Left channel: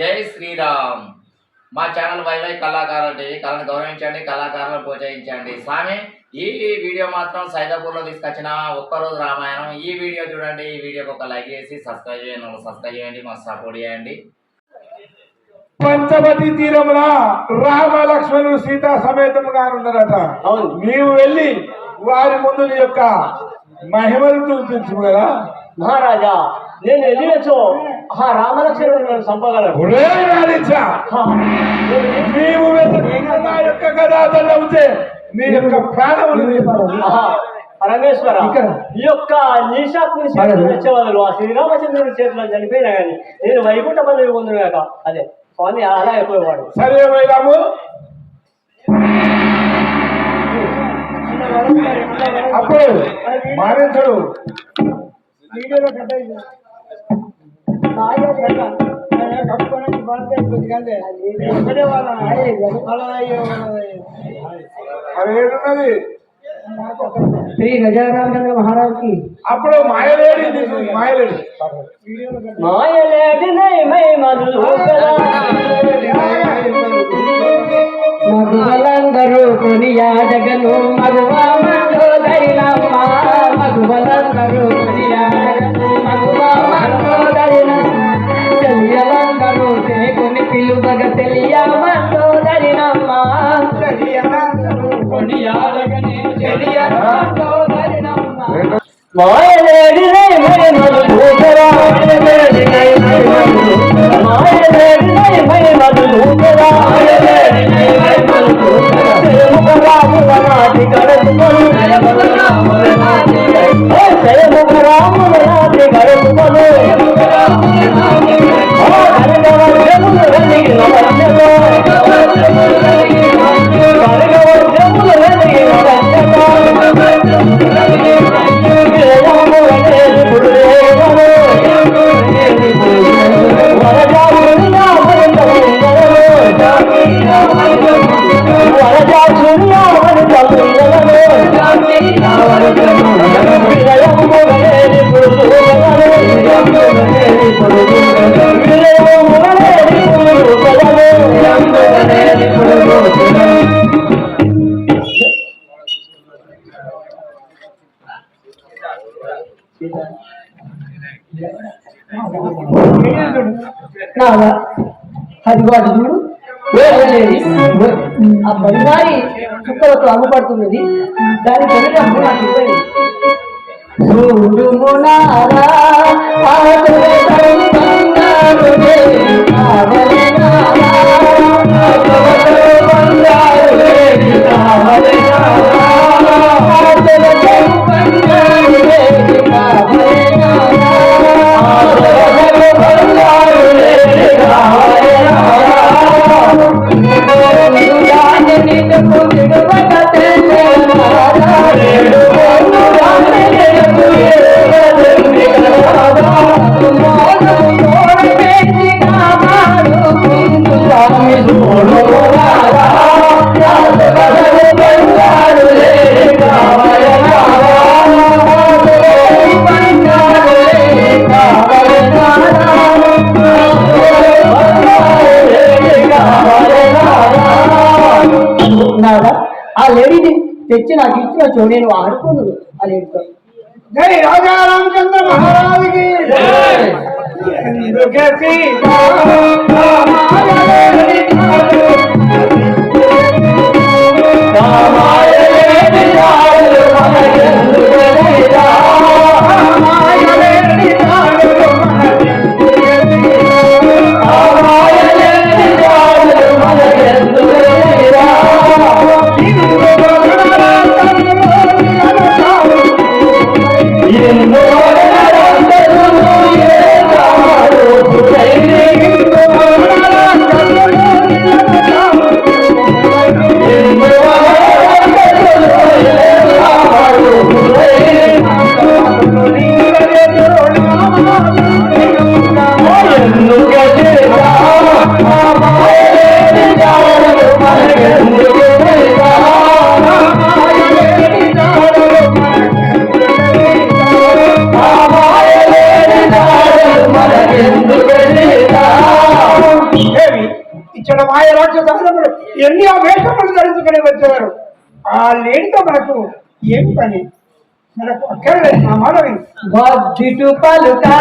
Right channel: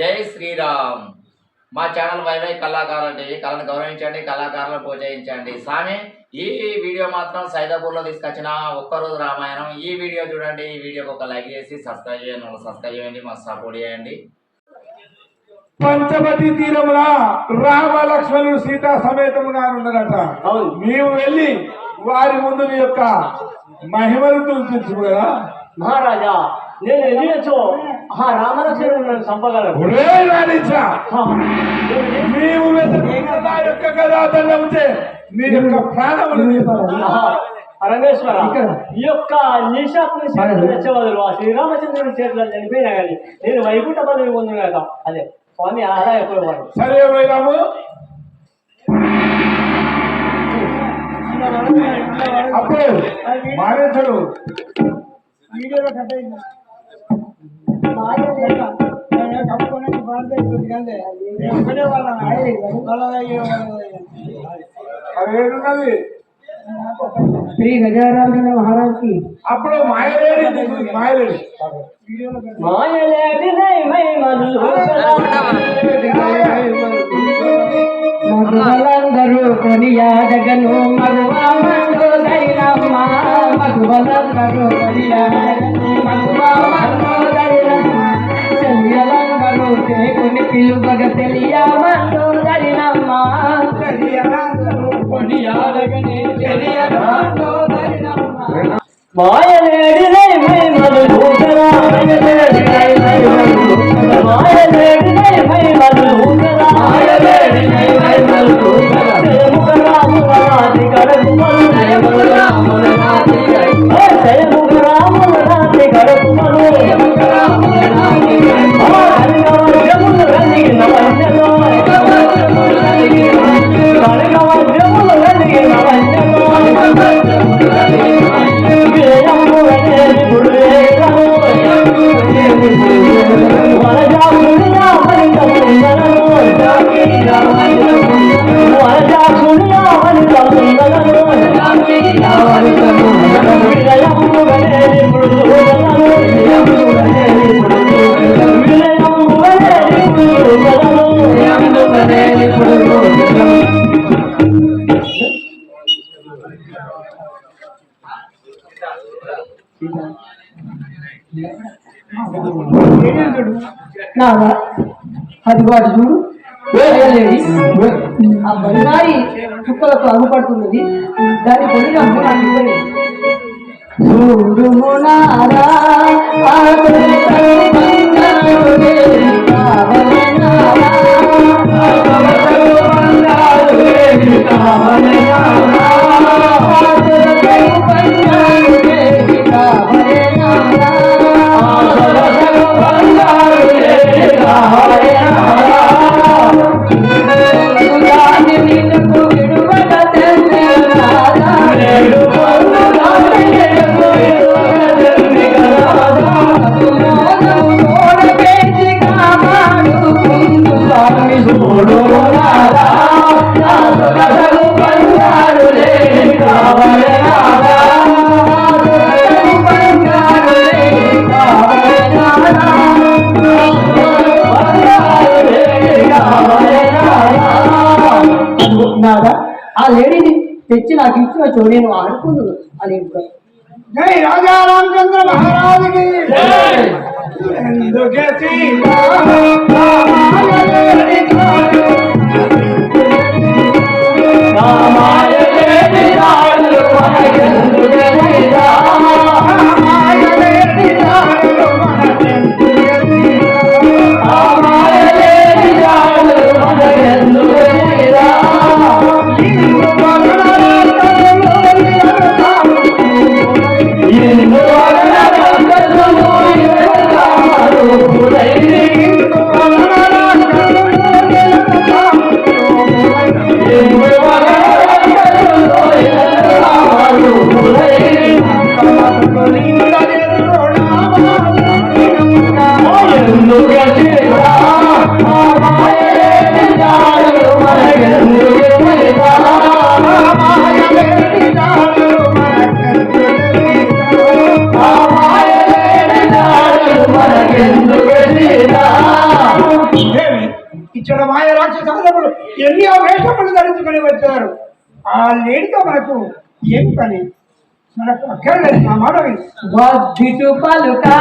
జై శ్రీరామ్. మా channel YY కళాకారులు టీవీ. కళను గౌరవించండి, కళాకారులను ప్రోత్సహించండి. స్వామి, ఈ వీడియో మాత్రం సైదాపూర్లో తీసుకొచ్చిన ఒక్కరోజు రామాయణం. ఈ వీడియో చూడండి. ఈ వీడియోకి ఒక లైక్ చేసి సబ్స్క్రైబ్ చేయండి, మాకు సపోర్ట్ చేయండి. పంచవతి తీరమున రామ లక్ష్మణుడు సీతా సమేతముగా ఉన్నారట. నీవు వెళ్ళి వారి ముందు నీ యొక్క మహిమను చూపించు కదా మహారాజా. నేను వెళ్ళినచో రామలక్ష్మణుడు చంపగలరు. నీవు నా యొక్క గదాదండముతే నీ యొక్క ప్రాణములు పరమేశ్వర, ఈ యొక్క నీశాత్మని చేతులు తెచ్చేవాళ్ళు ఆ శ్రీరామచంద్రుని చేతిలో చనిపోయినా కానీ నేను వైకుంఠ పదవి పొందుగాక. అదే స్వామి ఆదా అయిపోయేవాడు. సరే రాము, అప్పుడు మారించడు వీడియోలో కట్ అయింది. అదేంటున్నది శ్రీ గజారామచంద్ర మహారాజ్ కి అప్పుడు మాయలేడి మగువలందరూ కొనియాడగను మగువా మండోదైనమ్మ మగువలందరూ కొనియాడగను మగువా మండోదైనమ్మ చెయ్యలందరూ చేకుని పిలువగ తెలియ మండోదైనమ్మ కొనియాడగని తెలియ మండోదైనమ్మ మాయలేడి అదివాడు చూడు ఆ బంగారి చుక్కలతో అమ్ముపడుతున్నది. దాని పని ఆ లేడీని తెచ్చి నాకు ఇచ్చిన చో నేను ఆడుకున్నాను. ఆ లేడీతో జై రాజా రామచంద్ర మహారాజుకి. ఇక్కడ మాయ రాక్షసులు ఎన్నో వేషములు ధరించుకొని వచ్చారు. ఆ లేనితో మనకు ఏం పని? మనకు అక్కడ మా మానవి వద్దిటు పలుకా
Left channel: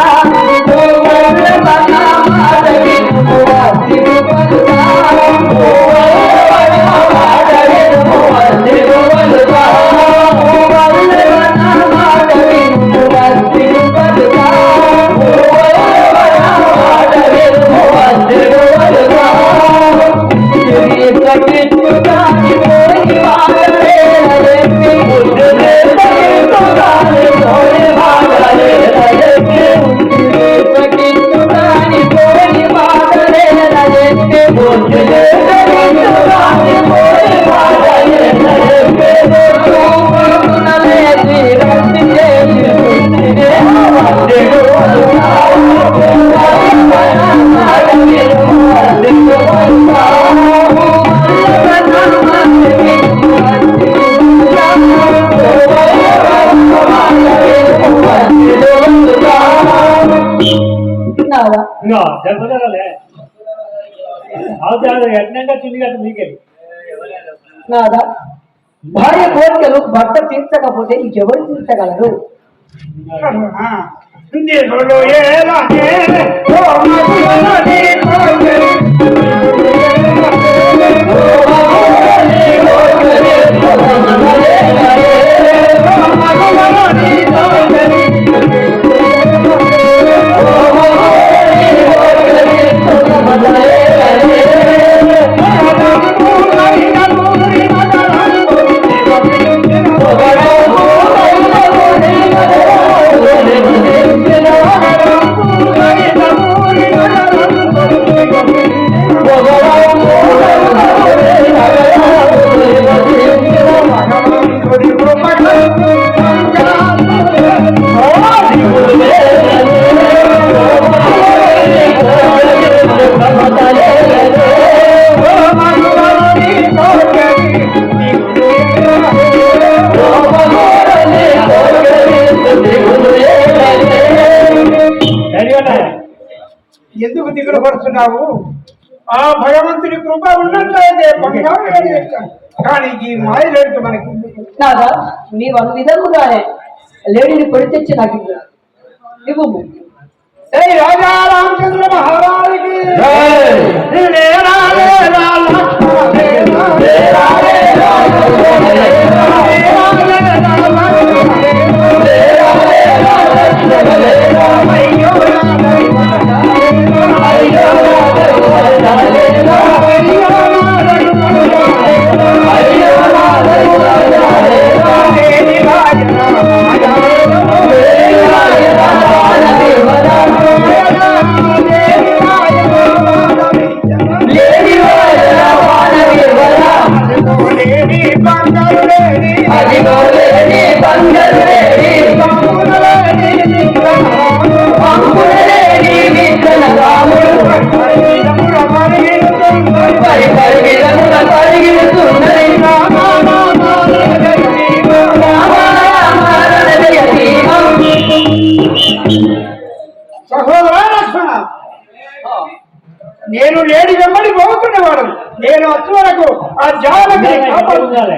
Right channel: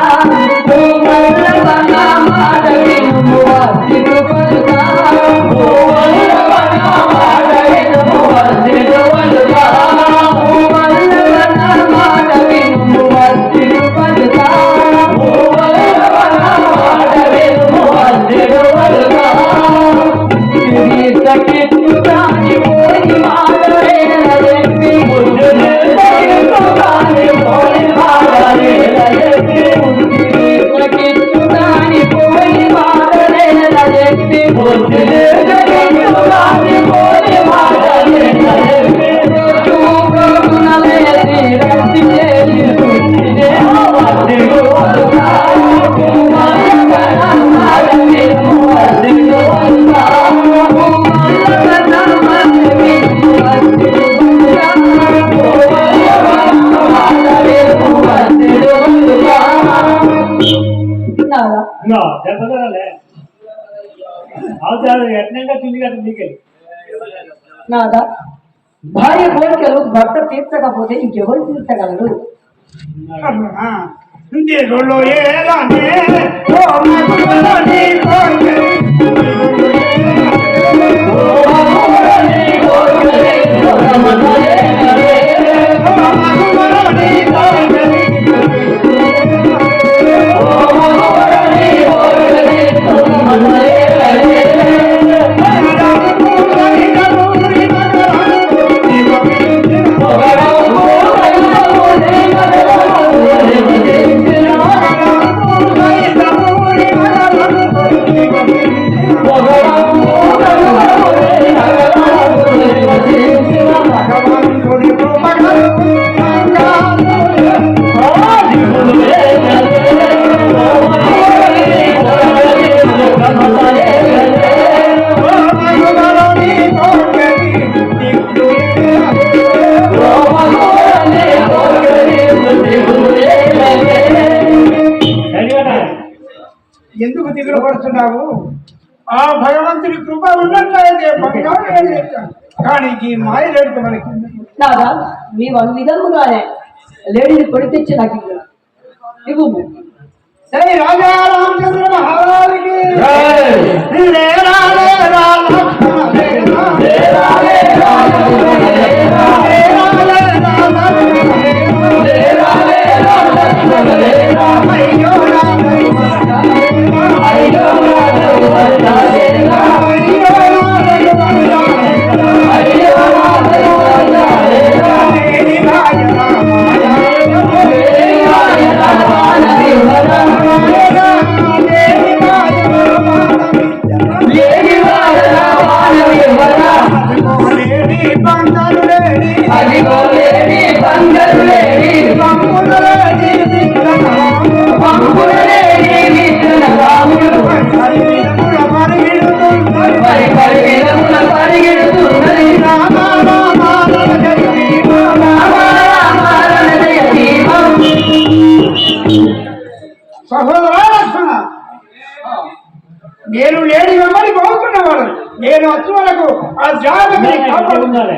నాదా భార్య కోరికలు భర్త తీర్చకపోతే ఇంకెవరు తీర్చగలరు? ఎందుకు దిగులు పడుతున్నావు? ఆ భగవంతుని కృప ఉన్నట్లయితే బంగారు తెచ్చాను. కానీ ఈ మాయ లేడు మనకి. నాదా నీవు అను విధముగానే లేడీని పొడి తెచ్చి నాకు ఇవ్వు. శ్రీ రాజా రామచంద్ర మహారాజుకి నేను లేడి వెంబడి పోతున్నవాడు. నేను వచ్చే వరకు ఆ జాగ్రత్త కాపాడుతున్నాను.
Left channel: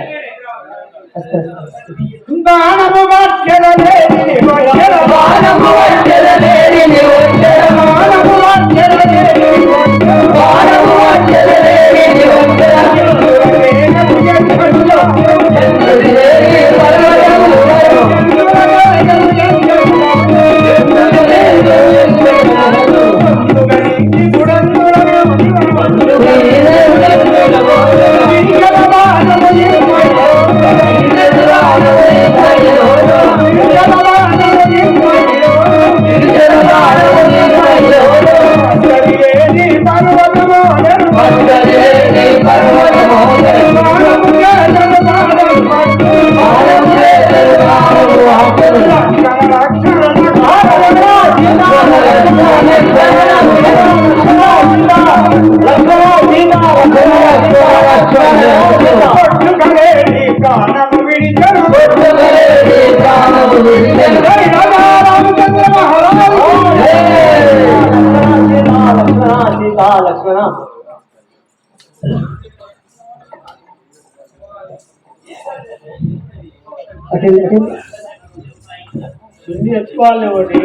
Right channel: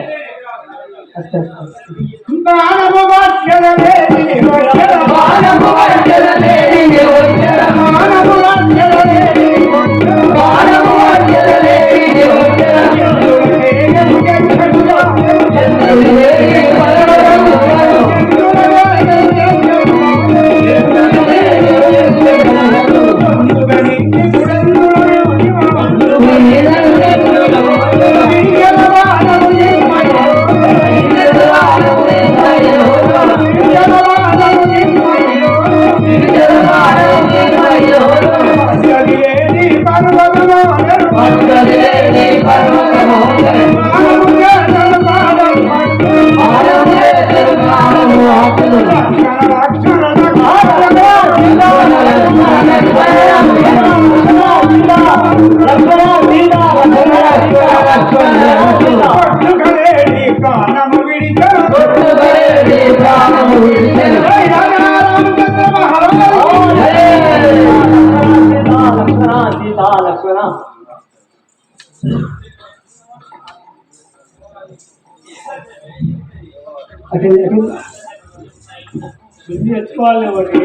తెచ్చుకోవాలి ఒకటి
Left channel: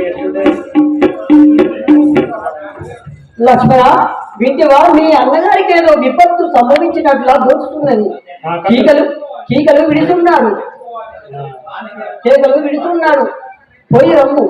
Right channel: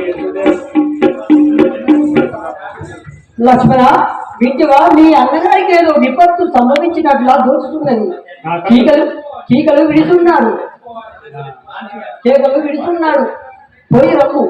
లక్ష్మణ వింటివా మీ అన్నగారికి ఏదో విపత్తు సంభవించినట్లా దోచుతున్నది. కీకలు విడుతున్నాడు, పోయి రమ్ము.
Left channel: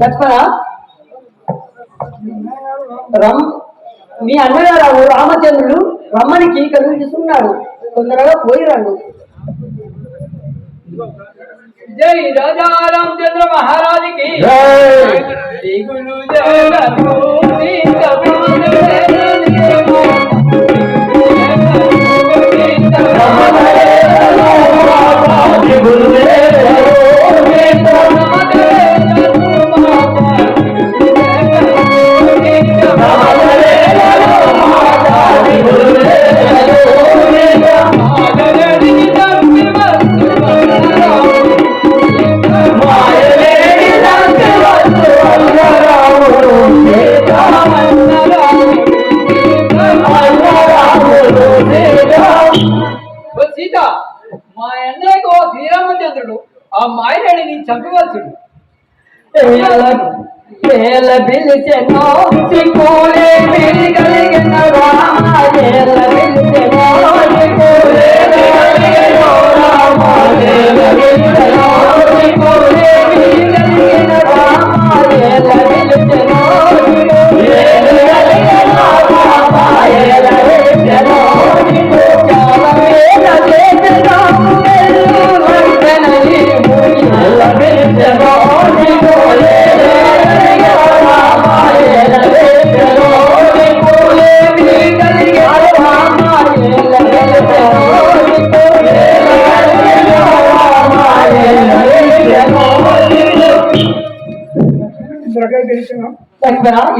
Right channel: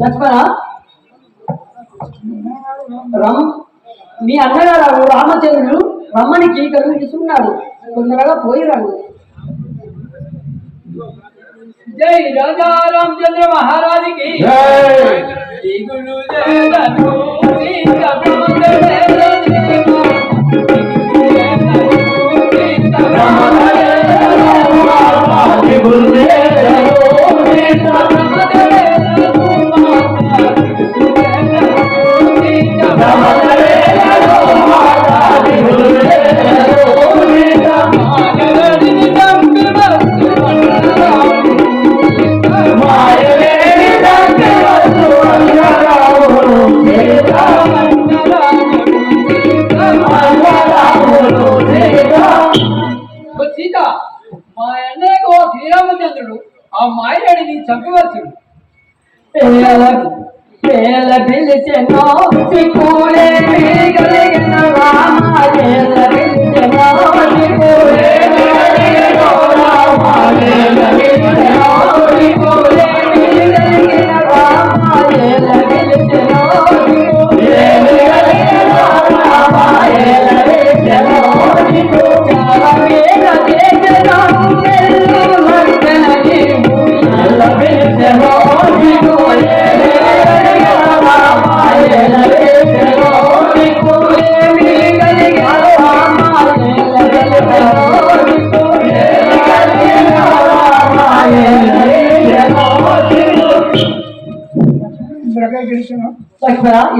లక్ష్మణ మీ అన్నగారు రామచంద్రుడు రమ్మని కీకలు ఇస్తున్నాడు, తొందరగా పోయి రండు. జై రాజా రామచంద్ర మహారాజుకి మా అన్నయ్యకు శ్రీరామచంద్రుడు ఆ మాయని చంపవచ్చుడు.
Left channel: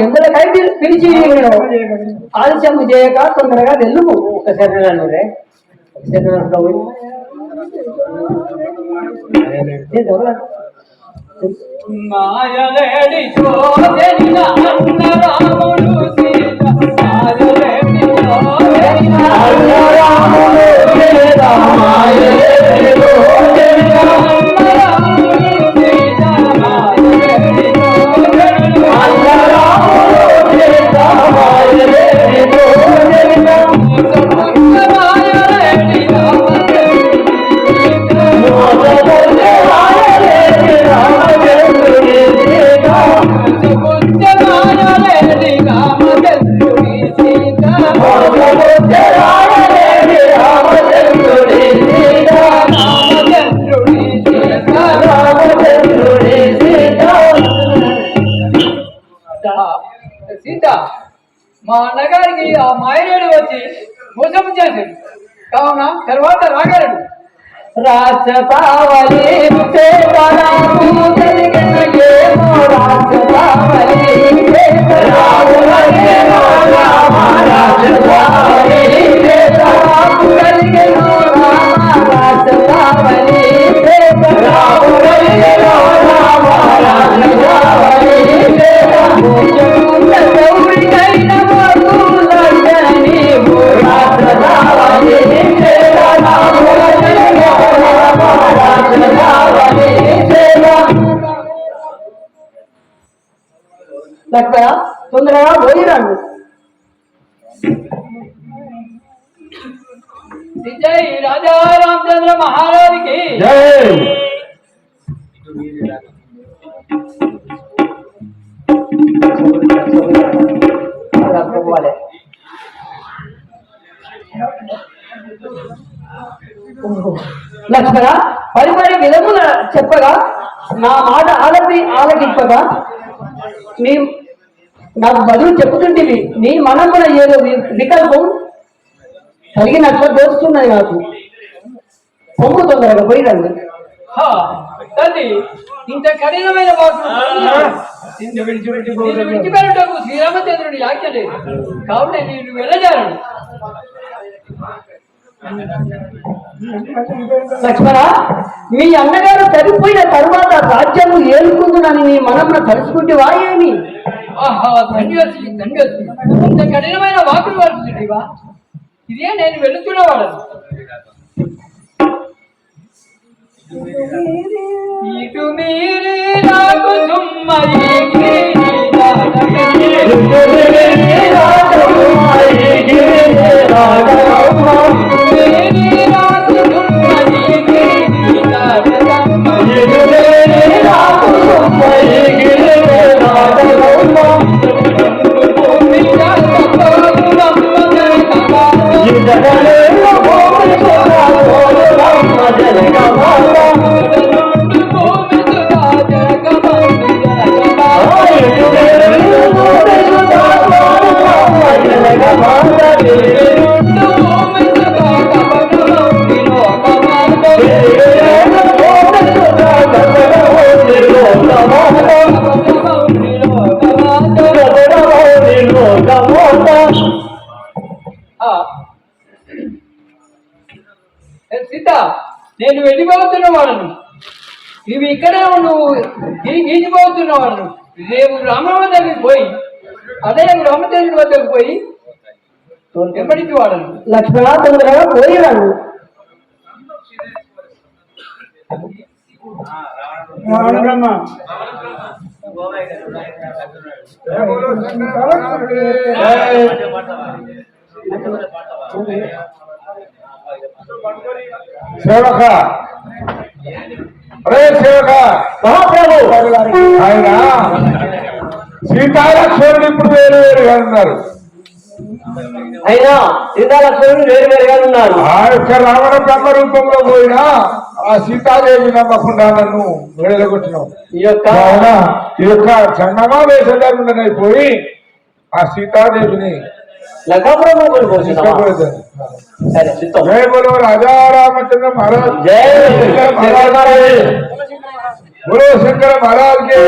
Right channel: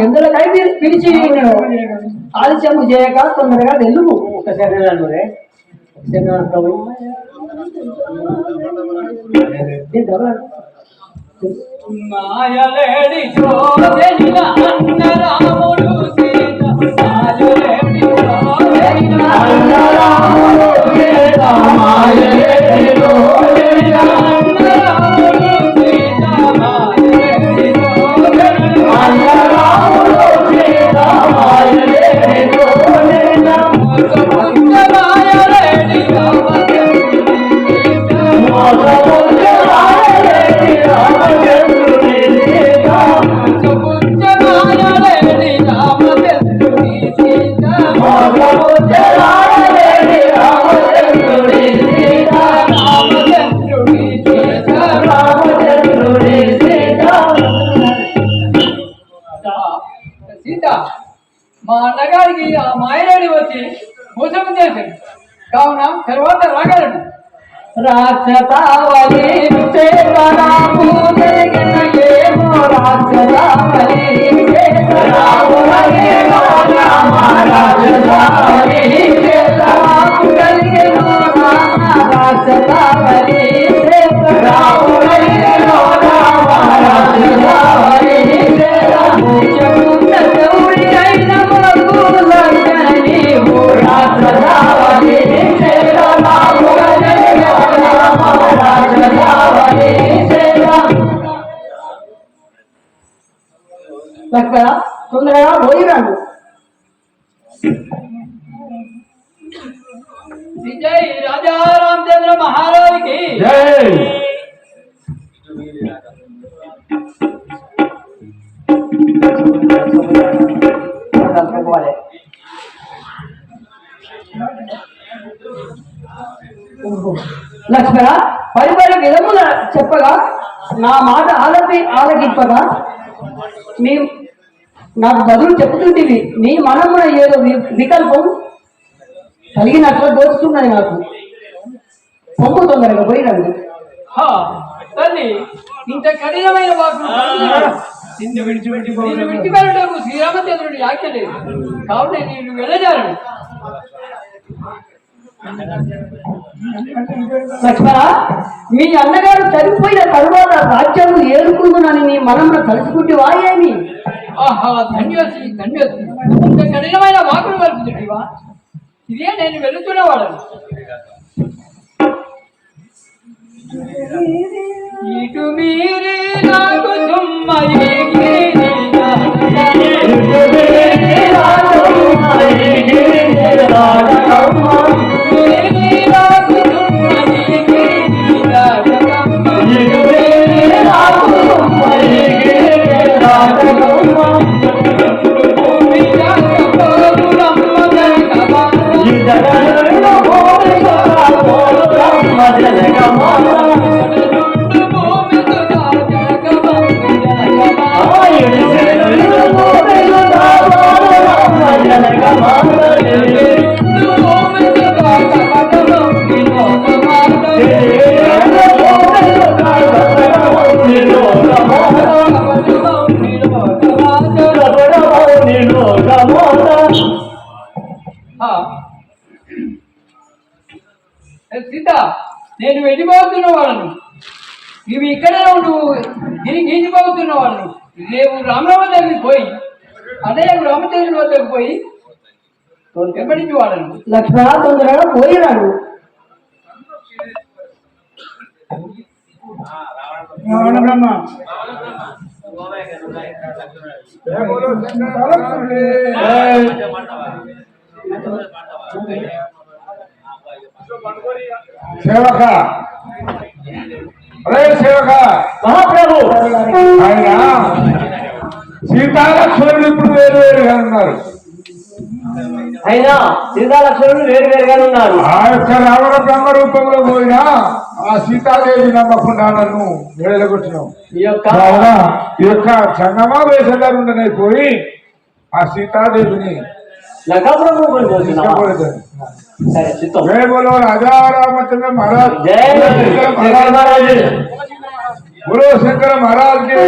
ఎందుకై పిలిచి ఆలస్యం చేయక తొందరగా తెలుగు. ఒకసారి మాయలేడి చూడెనిన అన్న రాముడు సీత మాయలేడి చూడెనిన అన్న రాముడు సీత మాయలేడి చూడెనిన అన్న రాముడు సీత మాయలేడి చూడెనిన అన్న రాముడు సీత మాయలేడి చూడెనిన పుట్ట మాయలేడి సీత మా అన్నగారికి ఆ మాయలేడి వచ్చి మోసం చేశాడు కావున తర్వాత రాగలడు. రాక్షసావళి చేతరాము కలిగిన ఏమో రాక్షసావళి చేతరాము కలిగిన రామ రాక్షసావళి చేతరాము కలిగిన రామ రాక్షసావళి చేతరాము కలిగిన రామ రాక్షసావళి చేతరాము గౌరికైన మరులగని రాక్షసావళి చేతరాము తొందరగా పోయిరాడు. జై రాజా రామచంద్ర మహారాజుకి లక్ష్మణ పరిపరి విధముల చెప్పగా నా మాట ఆలకింపగా నాకు బదులు చెప్తుంటివి నీ మనం కూడా ఏదో వికల్పం కలిగినట్లు దోచుతున్నది నాకు. పొంగు తొందరగా పోయినండి. తల్లి ఇంత కఠినమైన వాకు విడిచిపెట్టకు శ్రీరామచంద్రుడి ఆజ్ఞ లేదు, కావున నేను వెళ్ళజాలను. లక్ష్మణ, మీ అన్నగారు చనిపోయిన తర్వాత రాజ్యం ఏలుకుంటున్నాను నీ మనమును తలుచుకుంటేవా ఏమి? ఆహా, ధన్యవతి ధన్యవతి, ఇంత కఠినమైన వాకులు వరుసటివా? ఇదే నేను వెళుతున్నవాడను. ఇటు మీరే నాకు సీత, నేను వెళ్ళిపోతున్న వాళ్ళను, ఇవి ఇక్కడే నువ్వు గీచిపోతున్న వాళ్ళను. రేపు రామరామ దగ్గరికి పోయి అదే రామచంద్రుడి వద్దకు పోయి వెంబడించి వాడను. లక్ష్మణ, తొందరగా పోయినాడు. రావణ బ్రహ్మ సేవక, అరే సేవక, మహాప్రభు ఆయన సీతాలక్ష్మణుడు ఇప్పుడు వేరు వేరుగా ఉన్నారు. అయినా సీతాలక్ష్మణుడు వేరు వేరుగా ఉన్నారు. ఆ యొక్క రావణ బ్రహ్మ రూపంలో పోయినా ఆ సీతాదేవి నమ్మకుండా నన్ను వేలగొట్టినావు. ఈ యొక్క జంగమా వేషధారుండనే పోయి ఆ సీతాదేవిని లకాపురం సరే చిత్తం. జయ బోలో రాజా రామచంద్ర మహారాజ్, జయ శంకర మహారాజ్, బోలో శంకర మహారాజ్ కే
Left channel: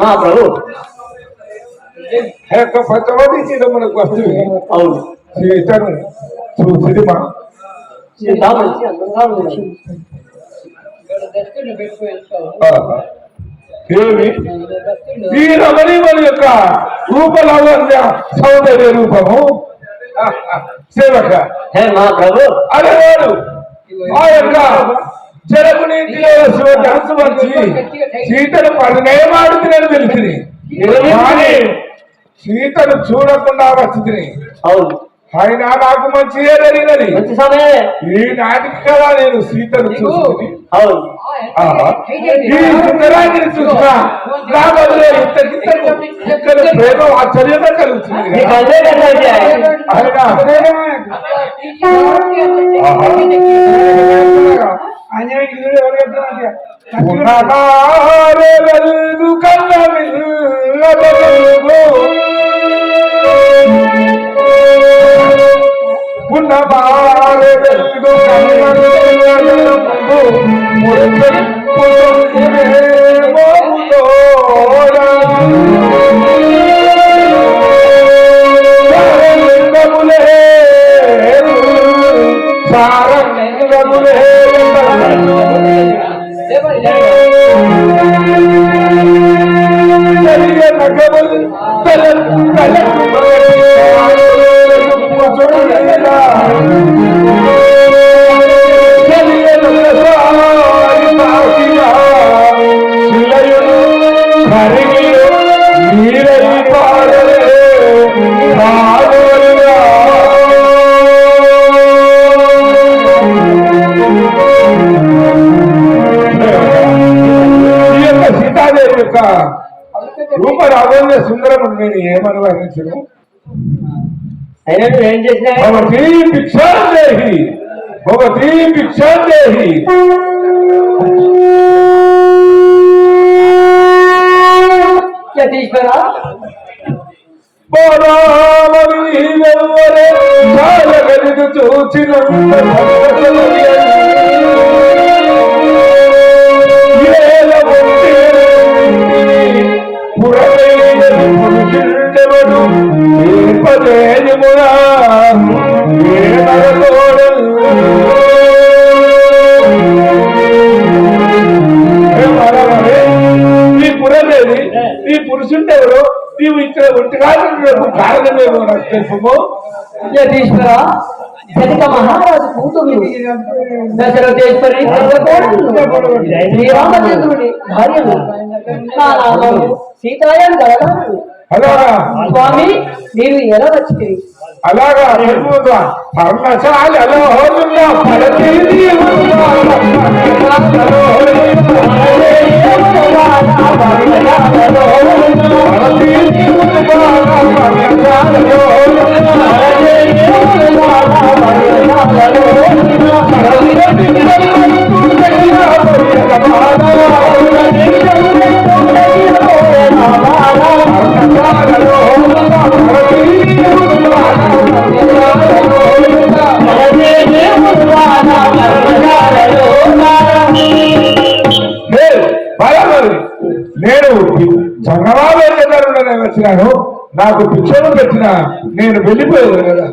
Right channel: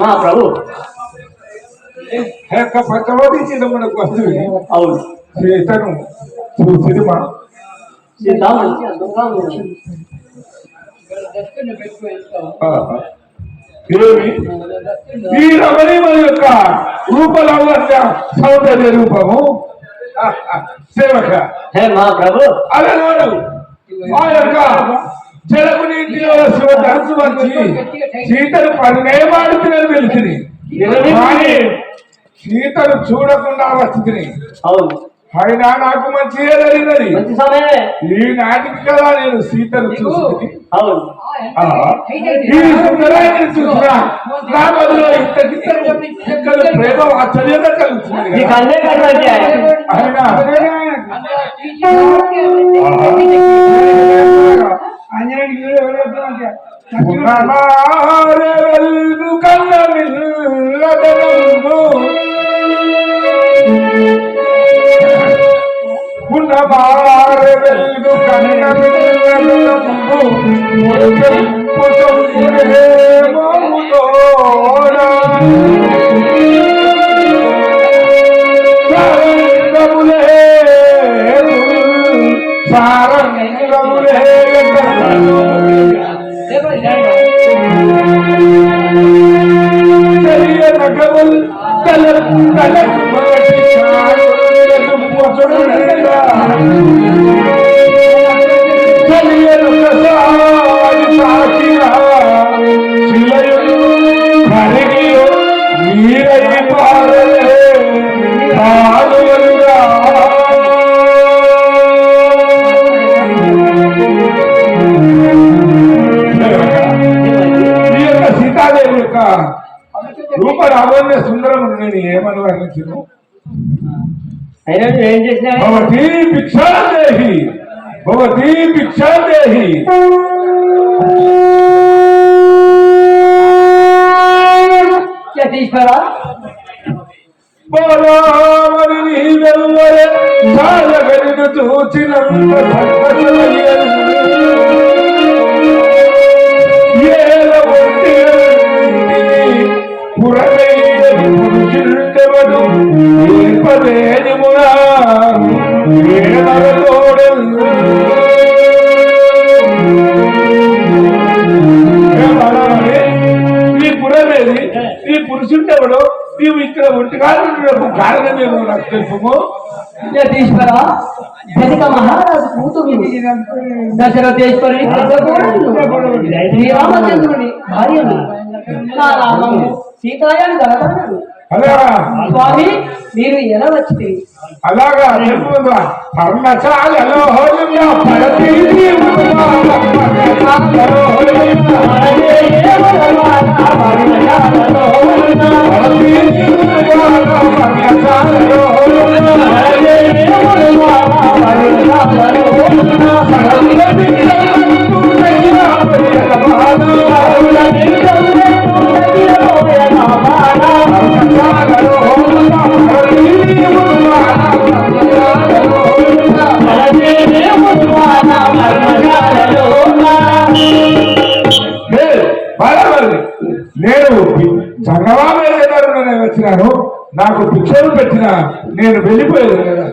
మా ప్రభు పచ్చవతి మనకు వస్తుంది. అవును, సీతను చూసిమా ఏమి ఈ రమణీమల యొక్క రూపలావణ్య సౌందర్య రూపము సేవక. హే మా ప్రభు, అరే వాడు ఆ యొక్క జలకు నీటిలో ధనసు వచ్చి సీతను పడినేమాడుతున్నాను తెలిసింది, కానీ సీతను చూడకుండా వచ్చింది. అవును, అయినా నాకు మంచిగా జరిగినది. మంచి సమయమే ఈ నాటికి కదా నేను సీతను చూసింది. అవును. ఈ సుందరాన్ని చూసినా నా బదులు ప్రేమ ఆశ్చర్యంగా కలుగుతుంది. నీకు అదే కదండి. అయినా ఉన్నమారే వెలుగు కన్న ఉన్నమారే వెలుగు రూప రాబోయే సుందరం నేను ఏమని వర్ణించను అయినా నువ్వు ఏం చేసినా భవతి భిక్షాందేహి భవతి భిక్షాందేహి యతీశ్వర బాలావరి నీవెవ్వరే బాలగనికు చూచినంత ఏల పురవేయడు పదేమురా నీ పురవేది నీ పురుషుండెవడో నీవు ఇక్కడ ఒంటిగా కారణమేమో నాకు తెలుపు యతీశ్వర జనక మహారాజు కూతురు దశరథేశ్వరి శ్రీరామచంద్రుని భార్యను నా నామము సీతాయాన్ని కలగన్నాడు. అలాగా స్వామి మీరు ఎలా వచ్చింది? అలాగా పర్ణశాలలో నేను జంగమాబాయి దగ్గర వచ్చినాను. నాకు భిక్షలు పెట్టిన నేను వెళ్ళిపోయాను కదా.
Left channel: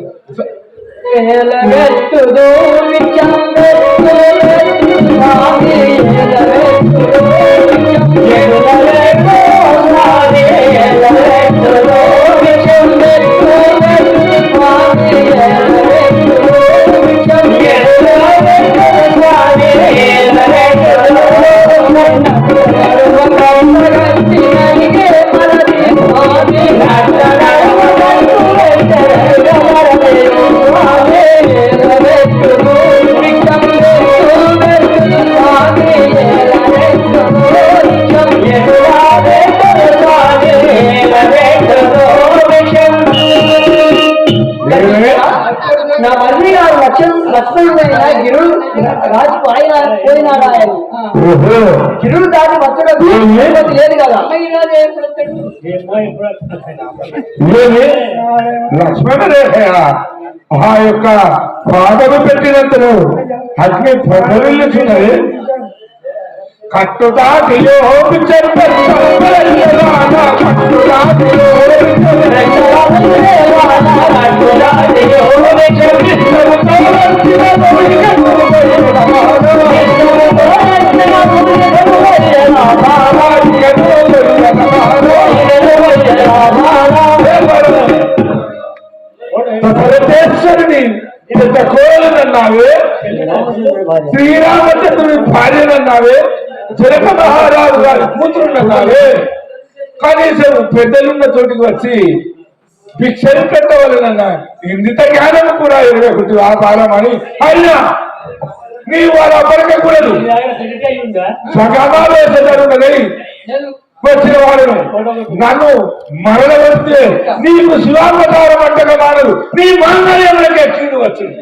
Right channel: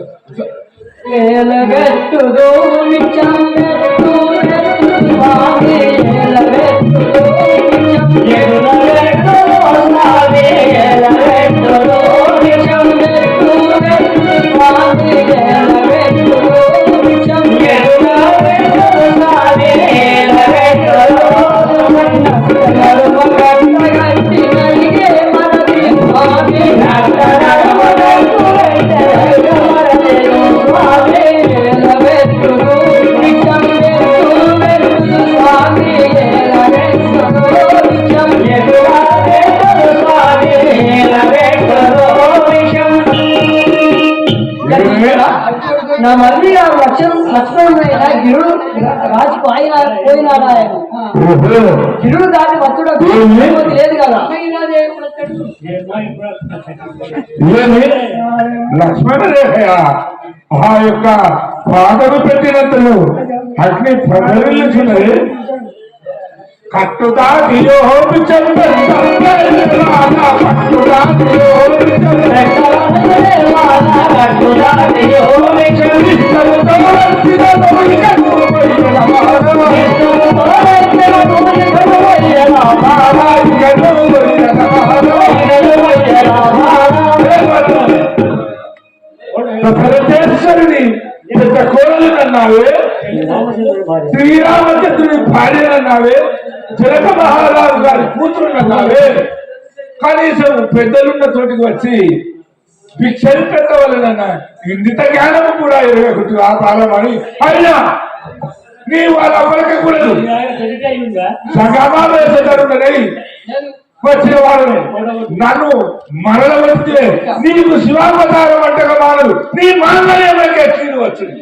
నా మళ్ళీ లక్ష్మణుడైన గిరుడు రాజుకు ఆయన పోయినాడు. ఆయన గిరుడు దాటి వచ్చడం లేదు కదా. లక్ష్మణుడేహ ఆ యొక్క పాదము పెట్టినంతను అగ్ని ప్రజలుచున్నది. కట్టుదాటియో భరతేశ్వరుని కోలనన్నావే, శ్రీరామచంద్రుని భార్యనన్నావే, జనక మహారాజు గారి కూతురునన్నావే. కనీసం పెద్దలున్న చోటికి వచ్చి భిక్షలు పెట్టవలనన్నా ఇందిత జ్ఞానం కూడా ఎరగకుంటు ఆ కాలమని అయినా నీవు అలా పలకకూడదు. సమావేశపడున్నది వచ్చిన వాళ్ళను నన్ను మరణ వస్తే నీకు శివావతారం అంటగా మానదు. నీ మాంగళ్యంలోకి కీడు వచ్చింది.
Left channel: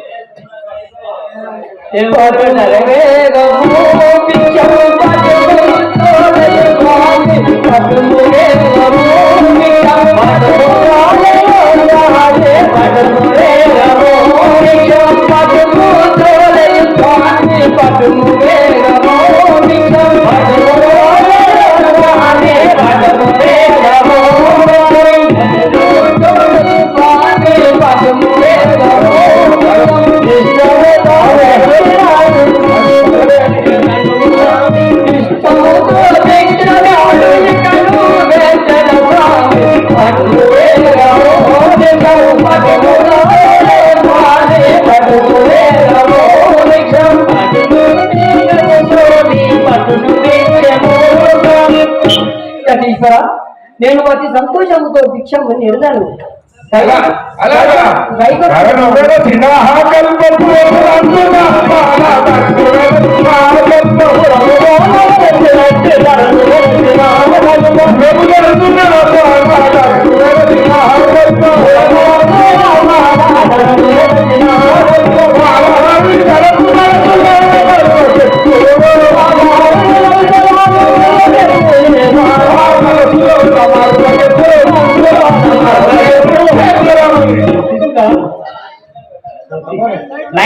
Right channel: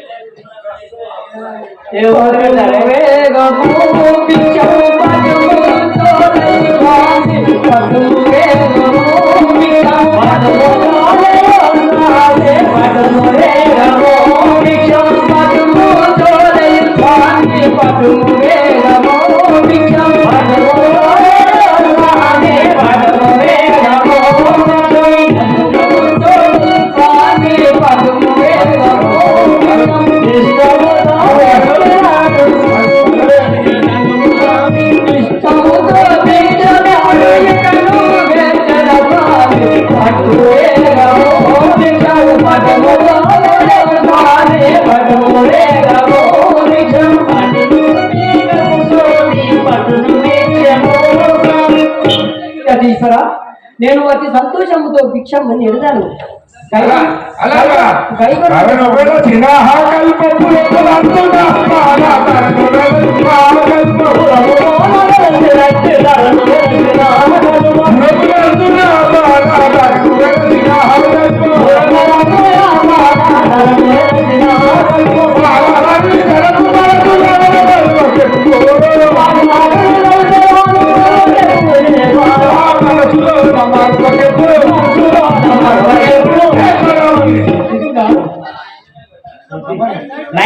నేను అతి సంతోషముతో భిక్షము నిరదాను.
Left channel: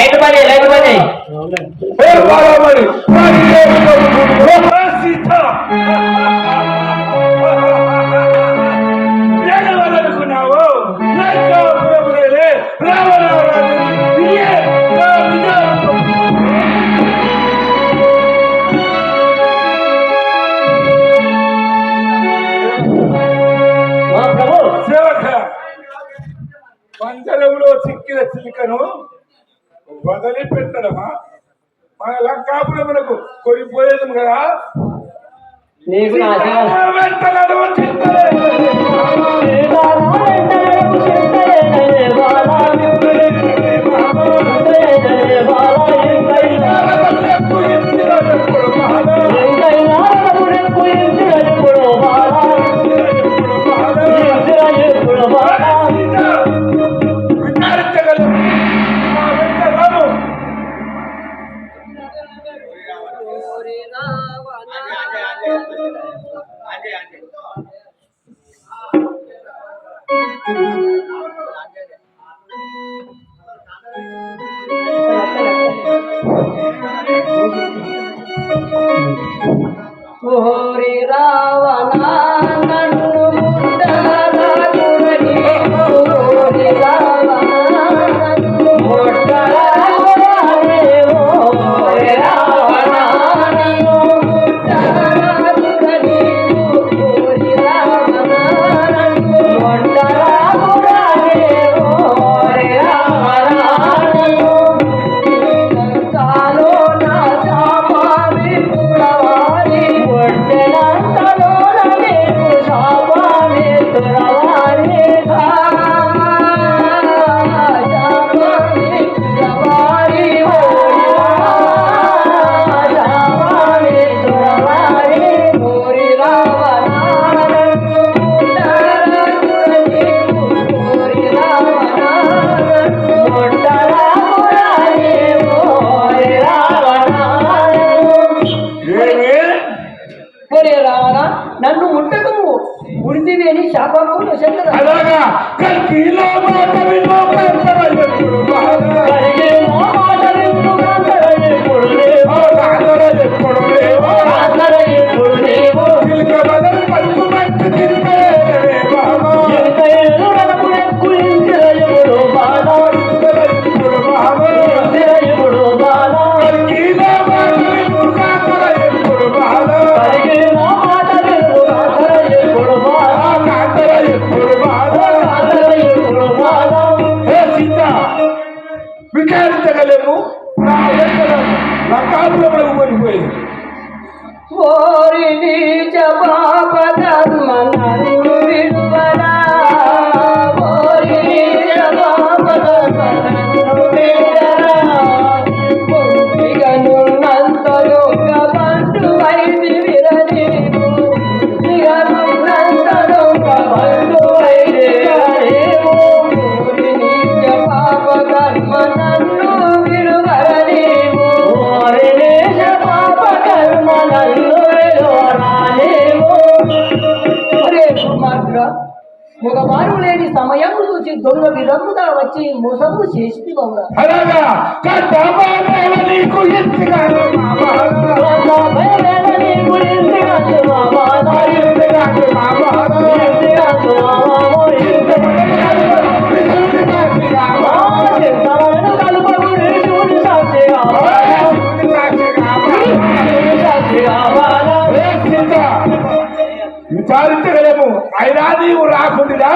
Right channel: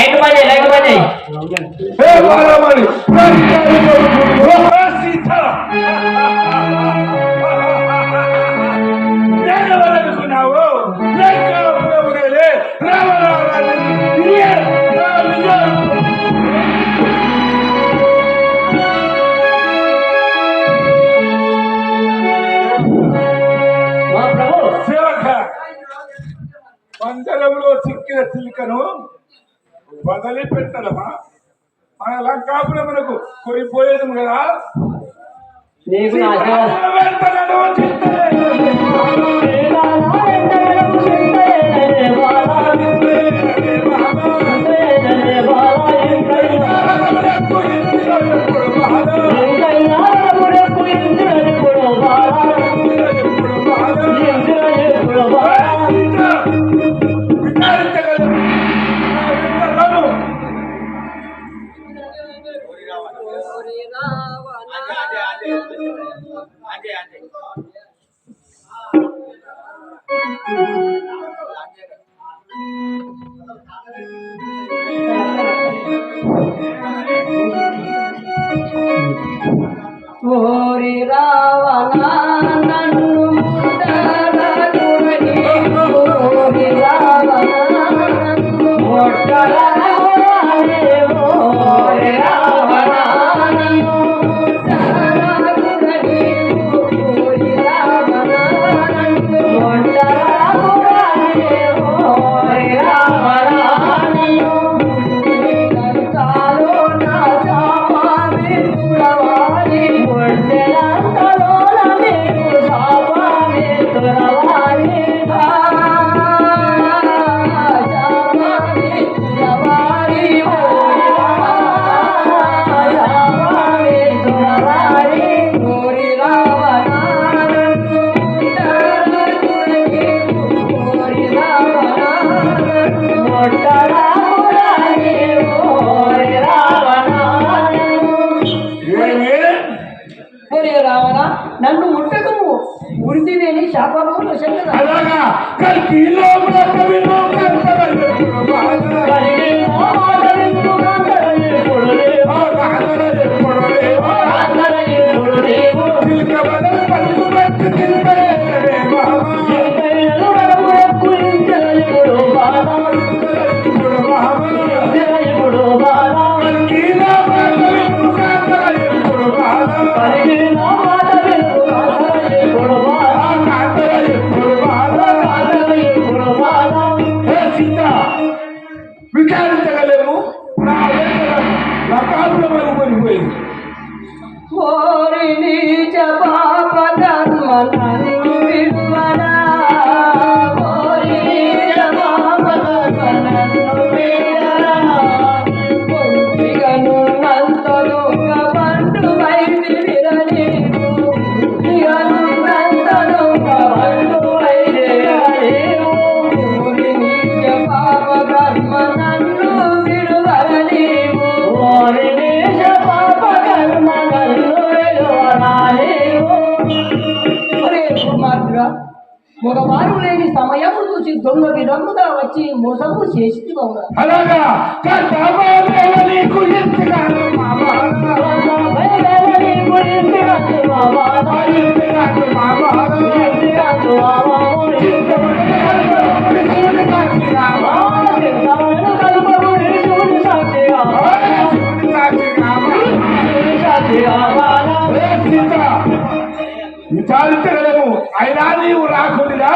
లైట్ బంద్ చేయి. ఏ బాలమణి, ఓ సీత ఏమనుకున్నావు? లంకాపురములే రావణారాజు నీయే నా నిజాలు. సేవక పంజరంలో చిక్కిన చిలుకను వదిలిపెట్టడమా? మన లంకాపురమునకు కొరిపోయేది కదా. నీకు నా వెంట నడువు ఓరి రావణ నన్ను ముట్టరాకురని, ఓరి రావణ నన్ను ముట్టరాకురని, ఓరి రావణ నన్ను ముట్టరాకురని, ఓరి రావణ నన్ను ముట్టరాకురని, ఓరి రావణ నన్ను లంకాలో నా శాపాన్ని పుడవాలి, ఒంటెలంకలో నీకు శాపాన్ని తురవాలి, శాపాన్ని తురవాలి, శాపాన్ని తురవాలి, ఓరి రావణ నన్ను ముట్టరాకురని, ఓరి రావణ నన్ను ముట్టరాకురని, ఓరి రావణ ఏమి ఒరే రావణ నన్ను ముట్టకము, ఉడిదివేని శాపములు శంకర. అలాగా కల్కిలో కవిలో కంటవెప్పుడు బాగా చిలుక బదలు పలుకు పట్టు తింటే బాబా విచారించగలేము. లకాపురములకు పోయిపోయింది. ఓరి నీచ పాప కర్మ నన్ను విడువరా, ఓరి నీచ పాప కర్మ నన్ను విడువరా, పొందిగనున్నంత దొంగ బంటు వైది విరనీవు, ఇగనున్నంత దొంగ బంటు వైది విరనీవు, ఓరి నీచ పాప కర్మ నన్ను విడువరా నీవు, ఓరి నీచ పాప కర్మ నన్ను విడువరా నీవు. ఒరే దుర్మార్గుడా, మగవారు లేని సమయం చూసి దొంగ విధముగా వచ్చి మోసము చేసి బొమ్మ అలాగా కట్టబేల నీకు ఎంతగానో మా బాధ. ఎంతగానో మా బాధ. విచారించగలము. అయినా నీవు రాకుండా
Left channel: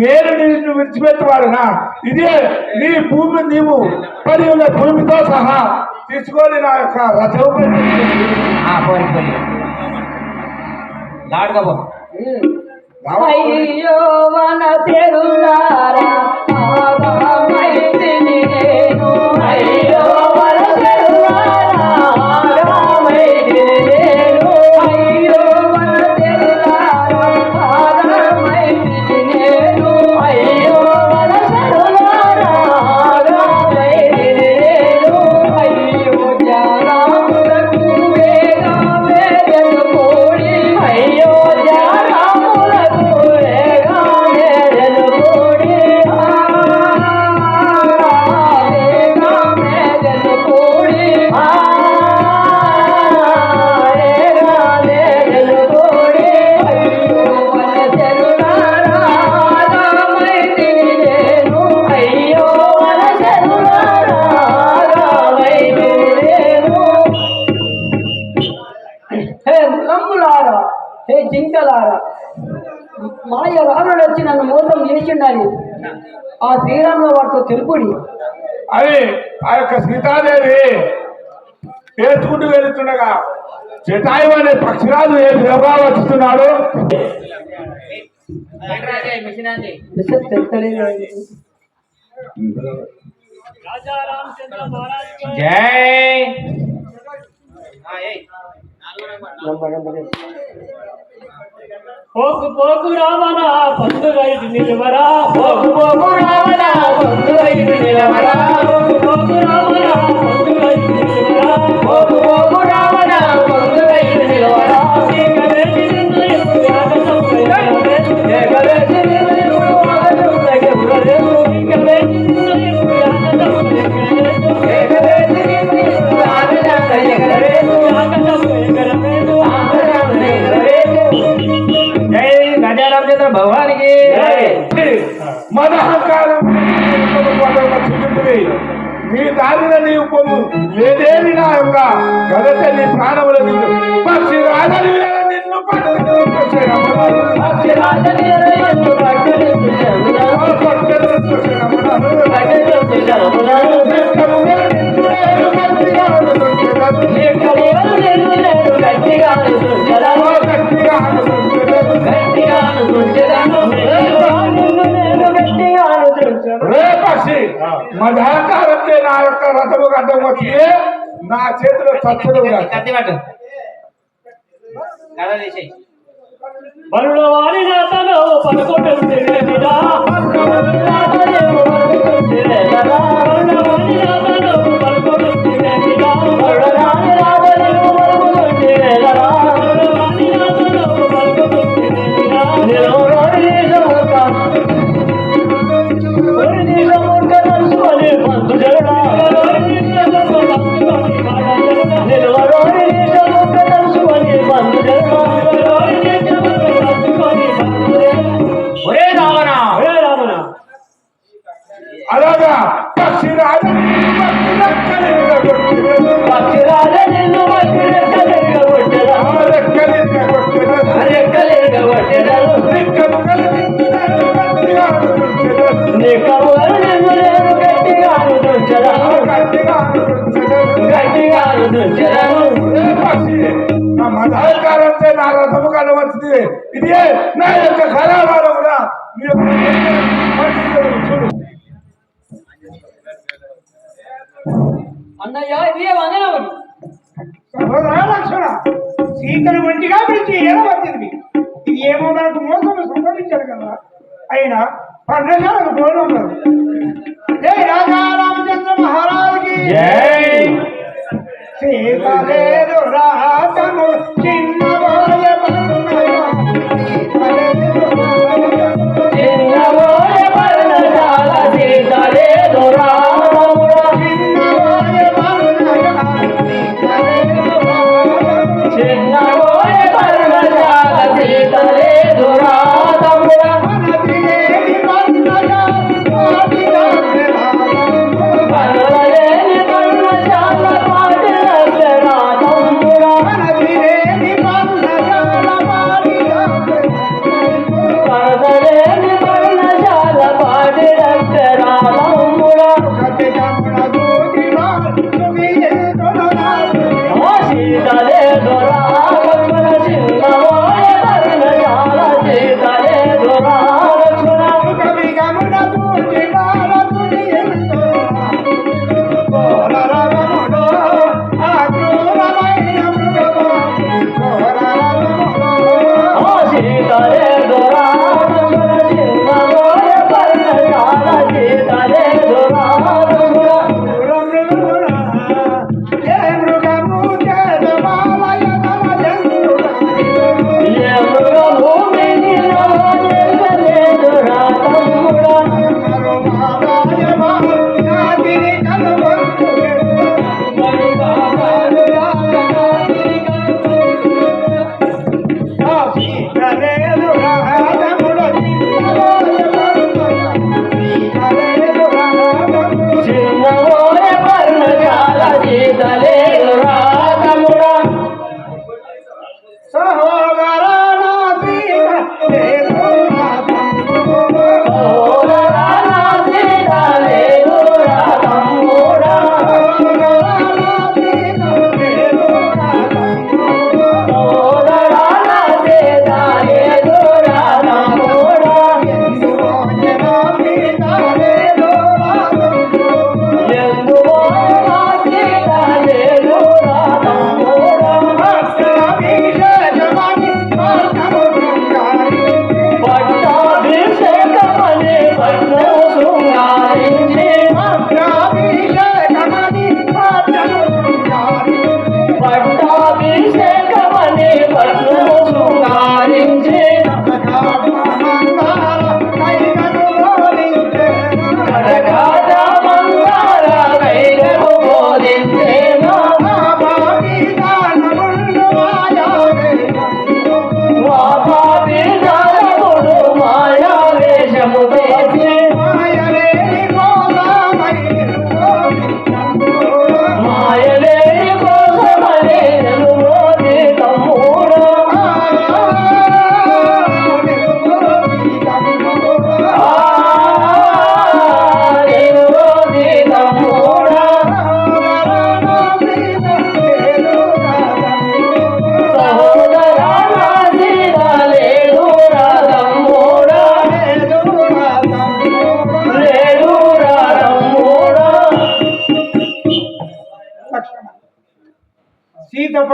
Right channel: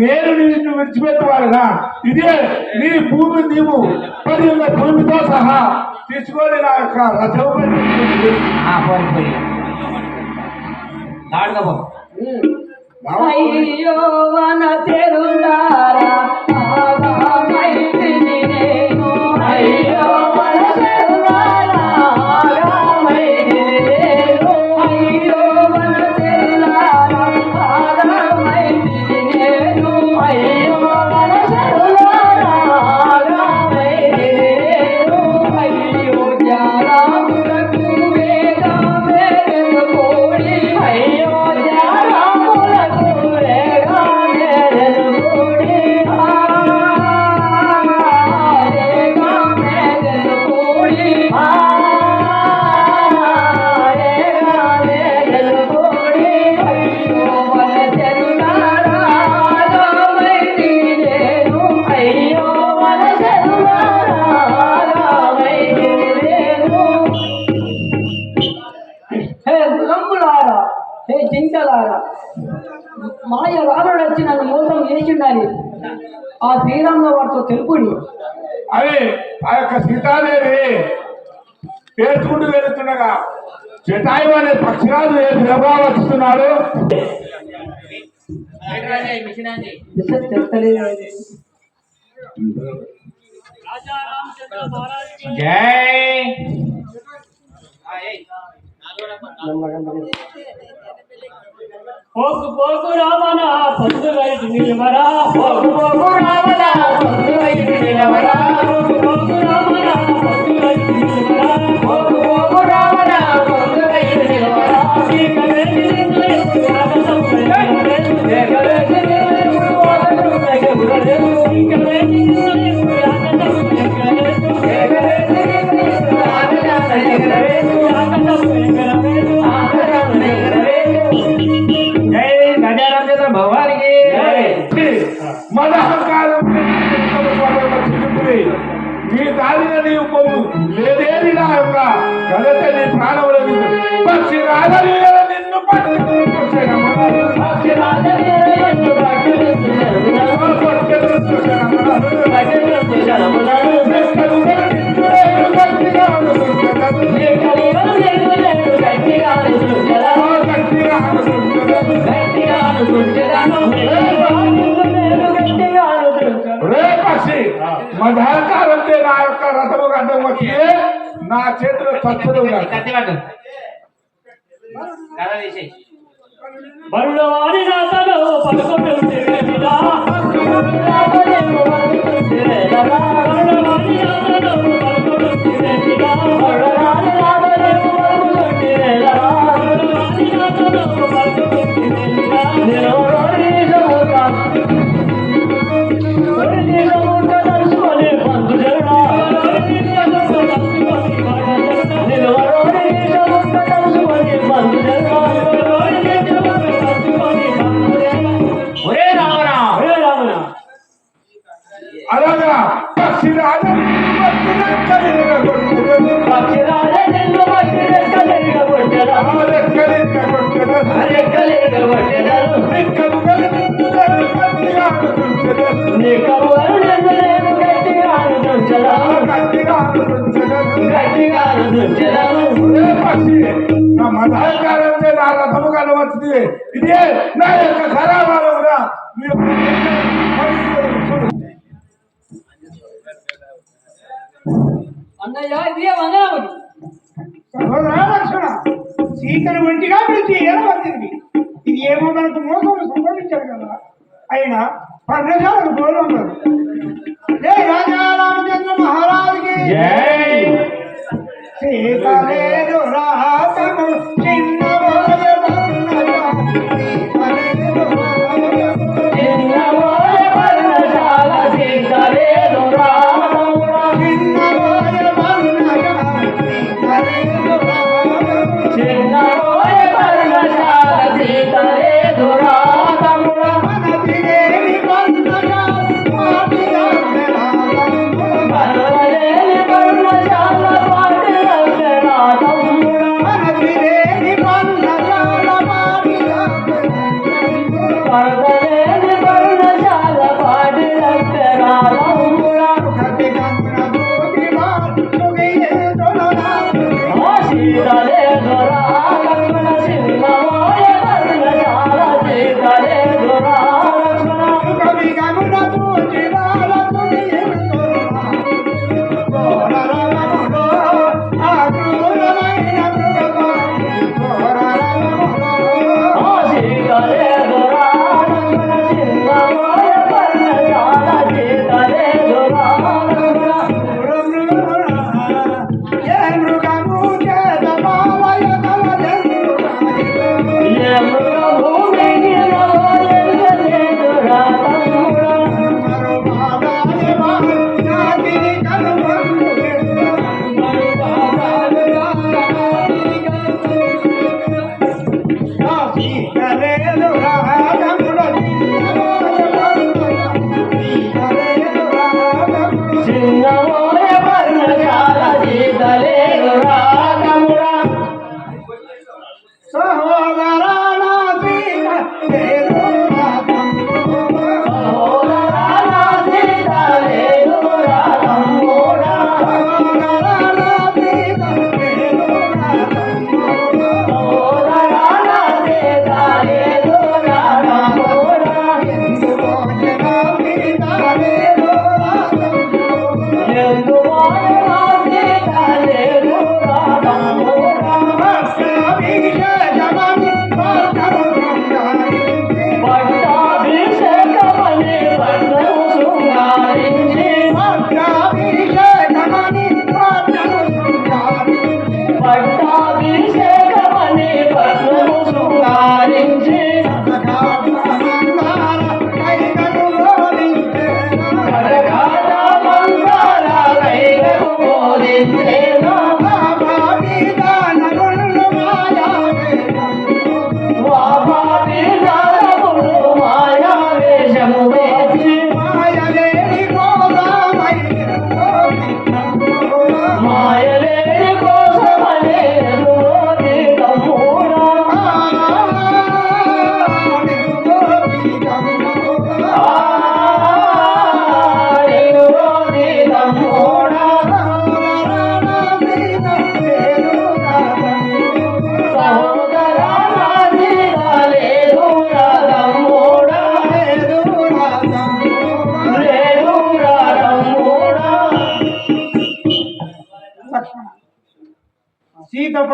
నేను నిన్ను విడిచిపెట్టవాడుగా. ఇదే నీ భూమి, నీవు పడి ఉన్న భూమితో సహా తీసుకొని నా యొక్క రథం అయ్యో మన తెరునారా ఆగామైతిని నేను, అయ్యో మన తెరునారా ఆగామైతిని నేను, అయ్యో మన తెరునారా ఆగామైతిని నేను, అయ్యో మన తెరునారా ఆగామైతిని నేను, అయ్యో జారాములకు వేగా వేగను కోడి, అయ్యో జారాములకు వేగా వేగను కోడి. మాయ రావణుడు వచ్చి నన్ను మోసం చేసిండని ఆ శ్రీరాముల వారితో తెలుపుడి. అది ఆ యొక్క సీతాదేవి పేర్చుకుంటూ వెళుతుండగా జటాయు అనే పక్షిరాజు ఏ ప్రభావం వస్తున్నాడు. విషయం తెలుస్తలేదు. రాజా రామచంద్ర మహారాజ్ జై పోకు పోకు రావణ పందులైదు నిలవరా, పోకు పోకు రావణ పందులైదు నిలవరా, పోకు పోకు రావణ పందులైదు నిలవరా, పోకు పోకు రావణ పందులైదు నిలవరా. ఏకవేది నిందయకు యాగసంపయ్యరే, ఏకవేది నిందయకు యాగసంపయ్యరే, ఏకవేది నిందయకు యాగసంపయ్యరే, ఏకవేది నిందయకు యాగసంపయ్యరే, యాగసంపయ్యరే. మదహంకారం నీ దారిన నీవు పొమ్ము లేదేమి నా యొక్క గలత నీ ప్రాణములకు పక్షి రాజని నిన్ను మదహంకారంటే నా యొక్క రథము అడ్డం వచ్చి నా చేతిలో చచ్చదు బరుడ వారి నాతను పడుకొని ఉండేదా, అలాగా పక్షి రాజని మదహంకారంటే నా రథము కలవచ్చింది. ఇదే నా యొక్క కళావారముగా అన్నయ్య ఇది వందనములు. లక్ష్మణ సీతను మంచిగా పిలిచి ఎలా వచ్చింది. ఇది ఏమో మనకు మోసం సంభవించారు కదా. అయినా పర్ణశాలకు పోవడం కాదు. జై రాజా రామచంద్ర మహారాజుకి సీత లేదు రాతము చిన్నవాయ వర్ణగా, సీత లేదు రాతము చిన్నవాయ వర్ణశాల, సీత లేదు రాతము చిన్నవాయ వర్ణగా, సీత లేదు రాతము చిన్నవాయ వర్ణశాల, సీత లేదు రాతము మనది లేని వర్ణగా, ఆదిగా మనలేని వర్ణ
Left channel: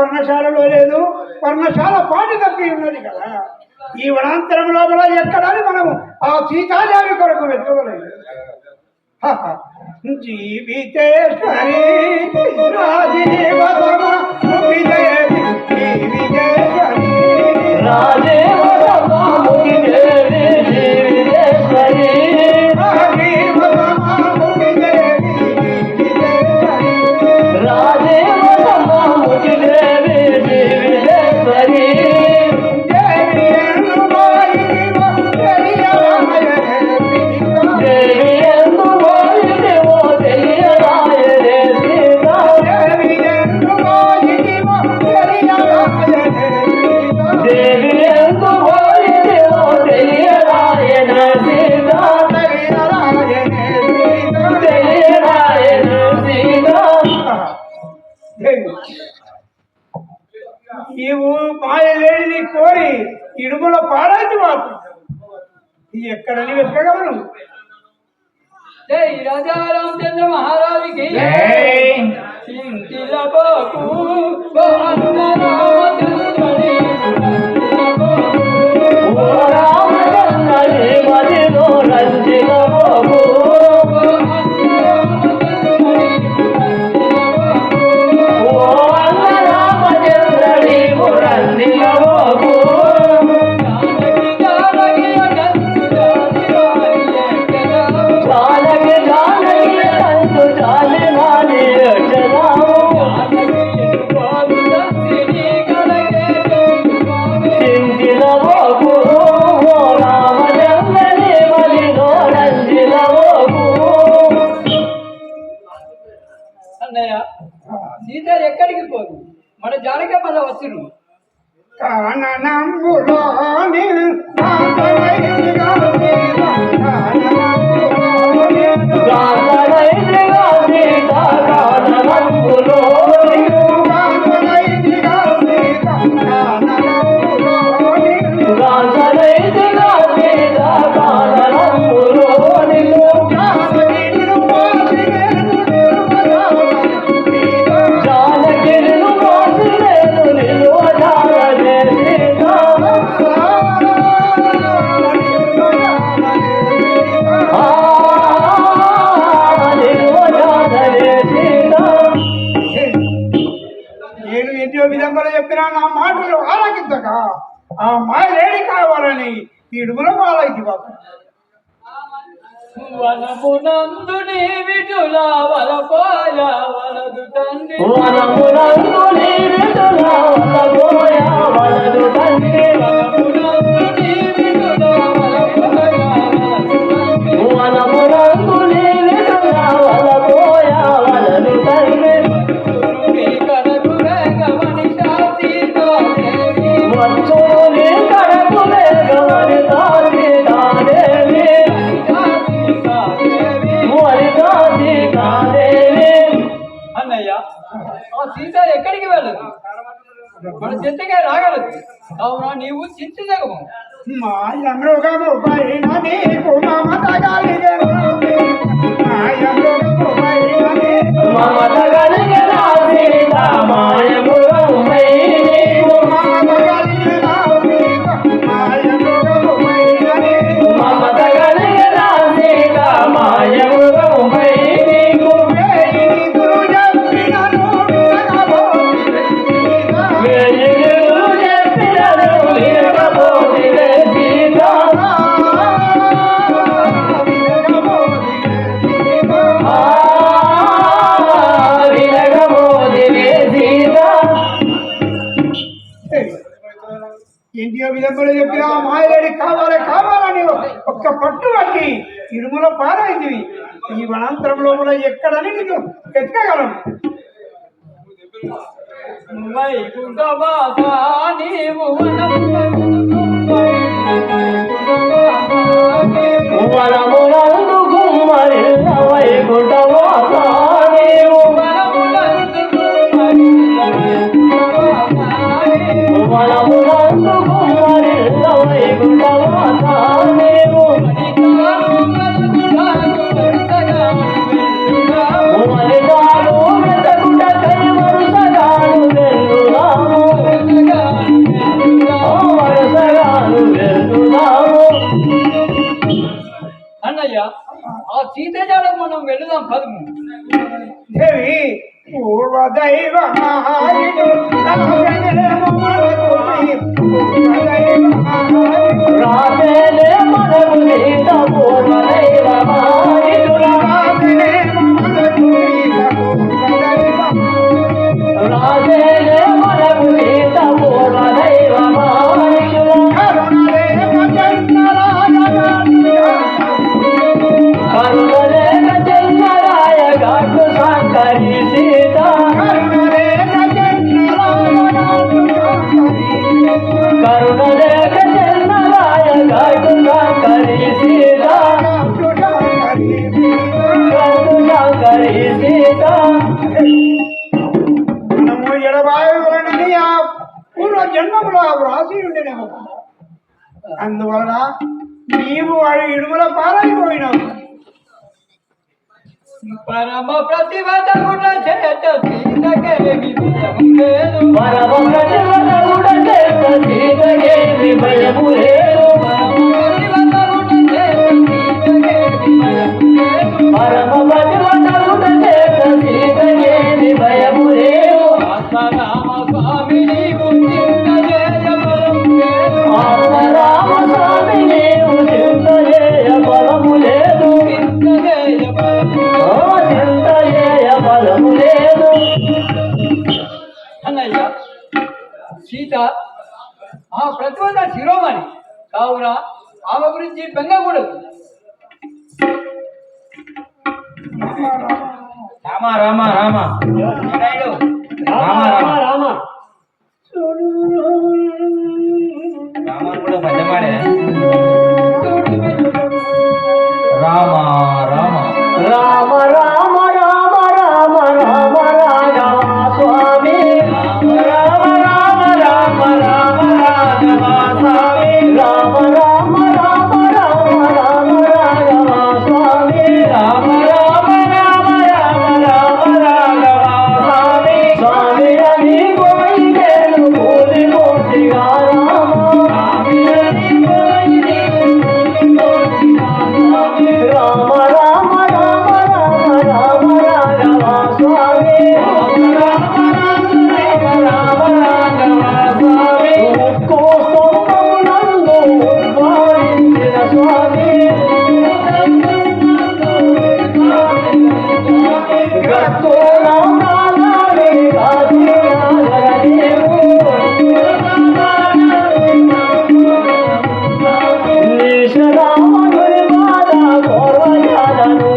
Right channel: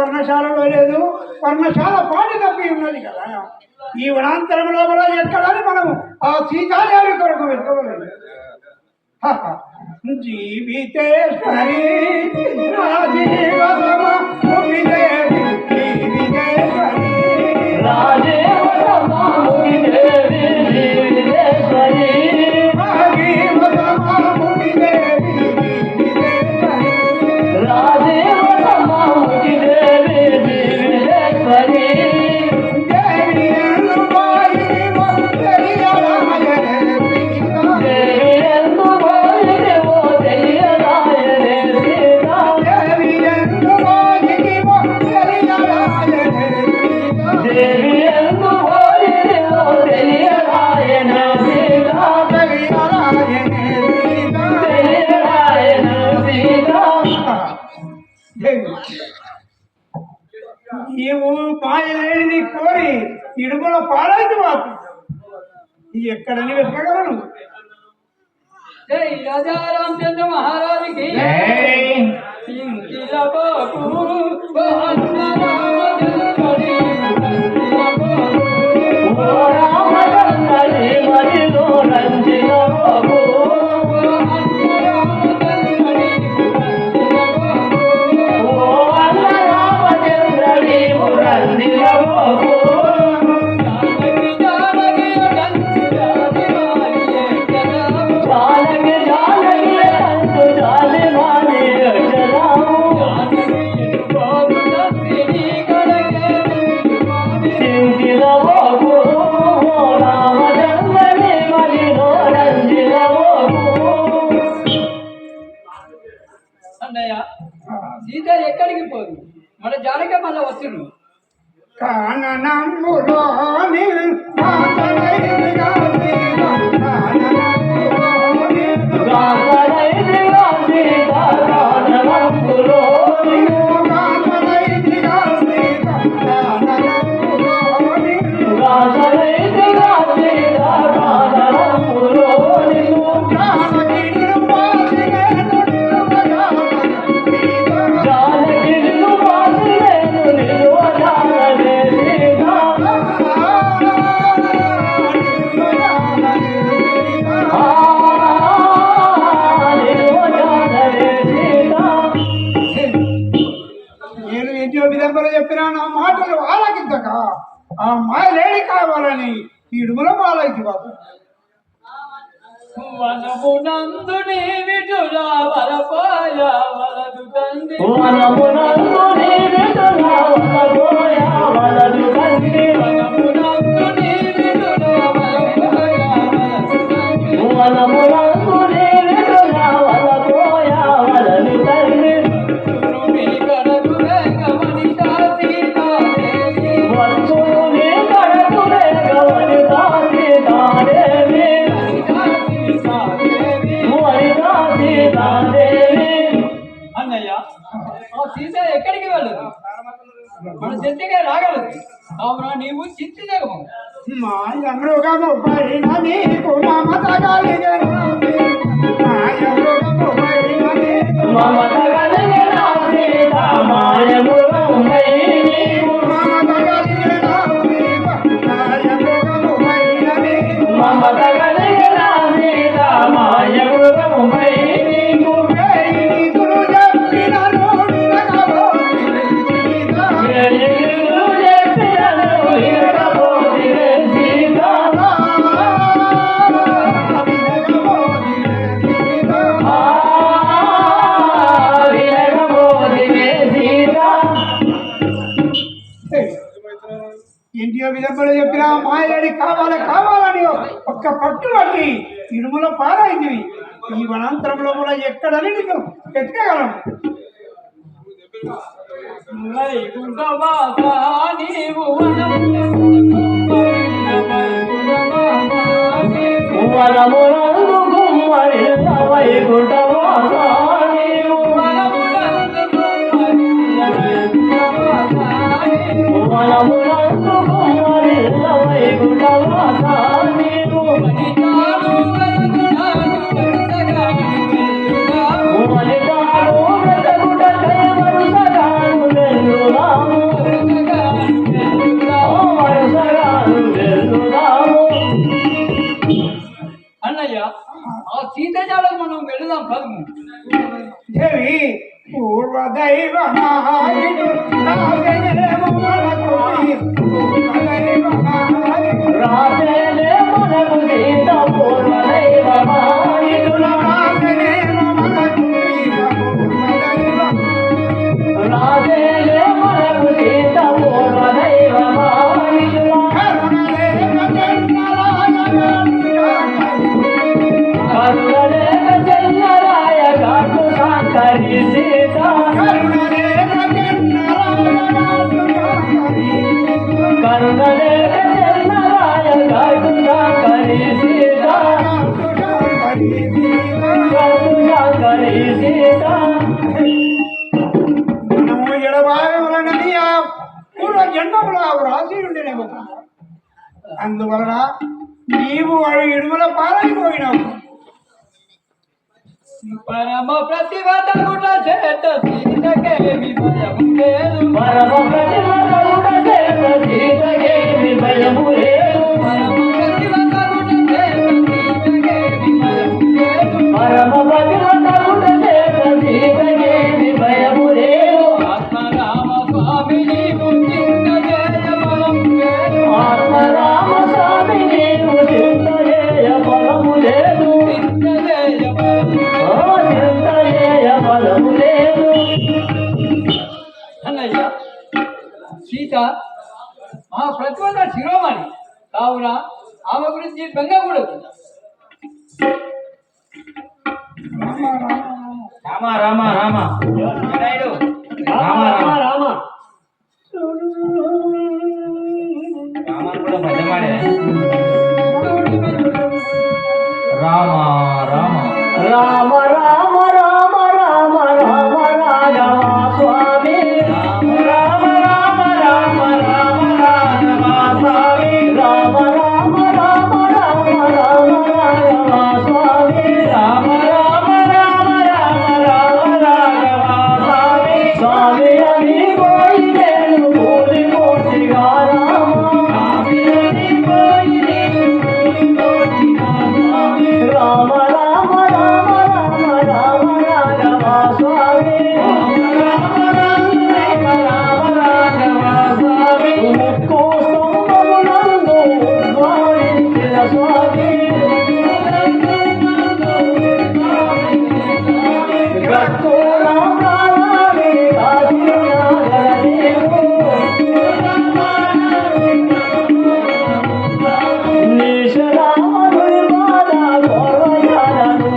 పర్ణశాలలో లేదు, పర్ణశాల పాటి తప్పి ఉన్నది కదా. ఈ వనాంతరం లోపల ఎక్కడని మనము ఆ సీతాదేవి కొరకు వెతకలేదు. జీవితేశ్వరి రాజీవ దేవి జీవితేశ్వరి నీవు మాయలేనిది కోరి ఇడుగుల పాడైంది మాత్రం ఎక్కడని వెతకగలను. జై రాజా రామచంద్ర మహారాజుకి ఇంటిల బాబు అన్న రామచంద్రుడి ఇంటిల బాబు రామచంద్రుడి మదిలో రంజిల బాబు అన్న రామచంద్రుడి ఇంటిల బాబు అన్న రామచంద్రుడి రంజిల బాబు జానకి అనంత జాతి అన్నయ్య సీత ఎక్కడికి పోదు, మన జానక మళ్ళా వచ్చును. కాననంబులోని విధంగా చెప్పినా నా మాటలు ఆలకించక ఆ మాయ రేడి కావాలని ఇడుగుల మాలకి వనమునందు నీ విటుల వలపోయ వలదు తండ్రి సీత ఎక్కడికి వెళ్ళదు, మన చెంతగా రాగలదు. అవునా నీవు చింతించగము. మాయమృగము పైన నీకు మమత కలిగెను, మాయమృగము పైన నీకు మమత కలిగెను సీత, మాయమృగము పైన నీకు మమత కలిగెను సీత, మాయమృగము పైన నీకు మమత కలిగెను సీత, మాయమృగము పైన నీకు వేయి నిదురు చెప్పినను వినబోతివే సీత, వేయి నిదురు చెప్పినను వినబోతివే సీత, ఇంటియో విధంగా చెప్పినా మాయలేడి కావాలని ఒక్క పట్టు పట్టి ఇడుముల పారైంది. ఈ వనాంతరంలో ఎక్కడని నేను ఎక్కగలను. వైకుంఠవాస నీవు అన్నయ్య ఆ సీతజాడ మనం వెళదాం పదము. దేవి పూర్వదైవమాయుడు రాజనేమో మనకు పూర్వదైవమాయుడు రాజేలే మనకు సీత పూర్వదైవమాయుడు రాజనేమో మనకు పూర్వదైవమాయుడు రాజేలే మనకు సీత పూర్వదైవమాయుడు కరుణలేఖ చంద్రరాయ గాటు శంకరి సీత కరుణలేఖ చంద్రరాయ గాటు శంకరి సీత గాటు శంకరి సీత మనము ఎడబాయని ఆ పూర్వ జన్మములో వ్రాసి ఉండేనేమో. అందువలన నీవు వాడి ఇడుమల పారైపోయినావు. పరమ ప్రతిభటమున చేత సీతకేమి భయము లేదు. పరమ ప్రతిభటమున చేత సీతకేమి భయము లేదు. పరమ ప్రతిభటమున చేత సీతకేమి భయము లేదు. పరమ ప్రతిభటమున చేత సీతకేమి భయము లేదు. ఆత్మరామ స్వామి నీవు చింత చేయ బలము లేదు. ఆత్మరామ స్వామి నీవు చింత చేయ బలము లేదు. చింత చేయ బలము చింత చేయ బలము లేదు. అన్నయ్య సీత ఆ ప్రతిభ శిరోమణి కావున ఆమె గురించి బెంగకూడదు. రామ రామ రామ వినాయుడు. రామ రామ రామ రామాను కూడా పద్యమాడే. రామ రామ రామ రామ రామ రామ రామ రాఘవ స్వామి రామ రామ రామ రామ రాఘవ స్వామి రామ రామ రామ రామ రామ రాఘవ స్వామి రామ రామ రామ రామ రామ రాఘవ స్వామి స్వామి అని పోయినేను పూలి మూర్తిగా రామ స్వామి అని పోయినేను పూలి మూర్తిగా స్వామి రామ రామ రామ రామ రామ రాఘవ స్వామి రామ రామ రామ రామ రాఘవ స్వామి ముక్కు సొంతమునందు ఉద్భవించిన స్వామి గత్తు రామాని నిశరాముడి బాధ కోరజాలను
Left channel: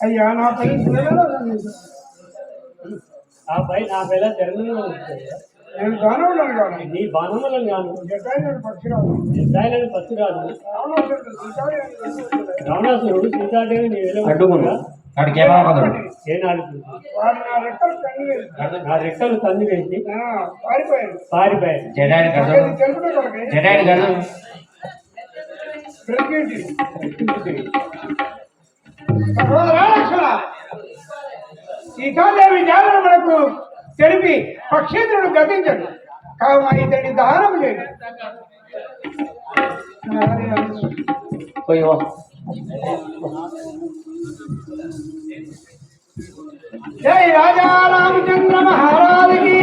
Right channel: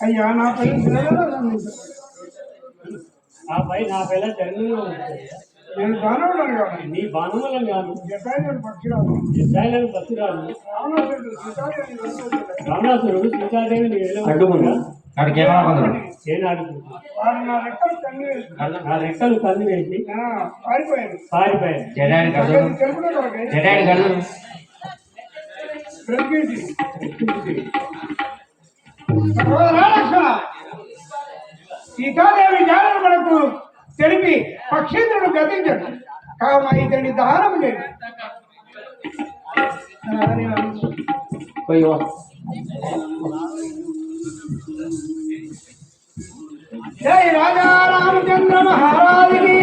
అయ్యా నా పై ఆ పై నా పేద జన్మలో నేను దానవుడను కాదు. నీ బాణములను గాను జటాయుడు పక్షిరాలు ఇజ్రాయేలు పత్తురాలు రావణాసురుడు సీతాదేవిని వెతుకుతున్నాడు. రావణాసురుడు సీతాదేవిని అడ్డుకున్నా అక్కడికి ఏమనుకుందాం. ఏనాడు వాడు నా రెక్కలు కన్ను వేసి నా రెక్కలు కంది వేసి పారిపోయాను. పారిపోయాను. జటాయుడు కడదు తెలుపునే కొరకై జటాయుడు కడదు. బ్రతికేటి. సహోదరా లక్ష్మణ, సీతాదేవి జ్ఞానం మనకు తెలిపి పక్షేంద్రుడు గతించడు కావున ఇతని దహనం చేయండి. జై రాజా రామచంద్ర మహారాజుకి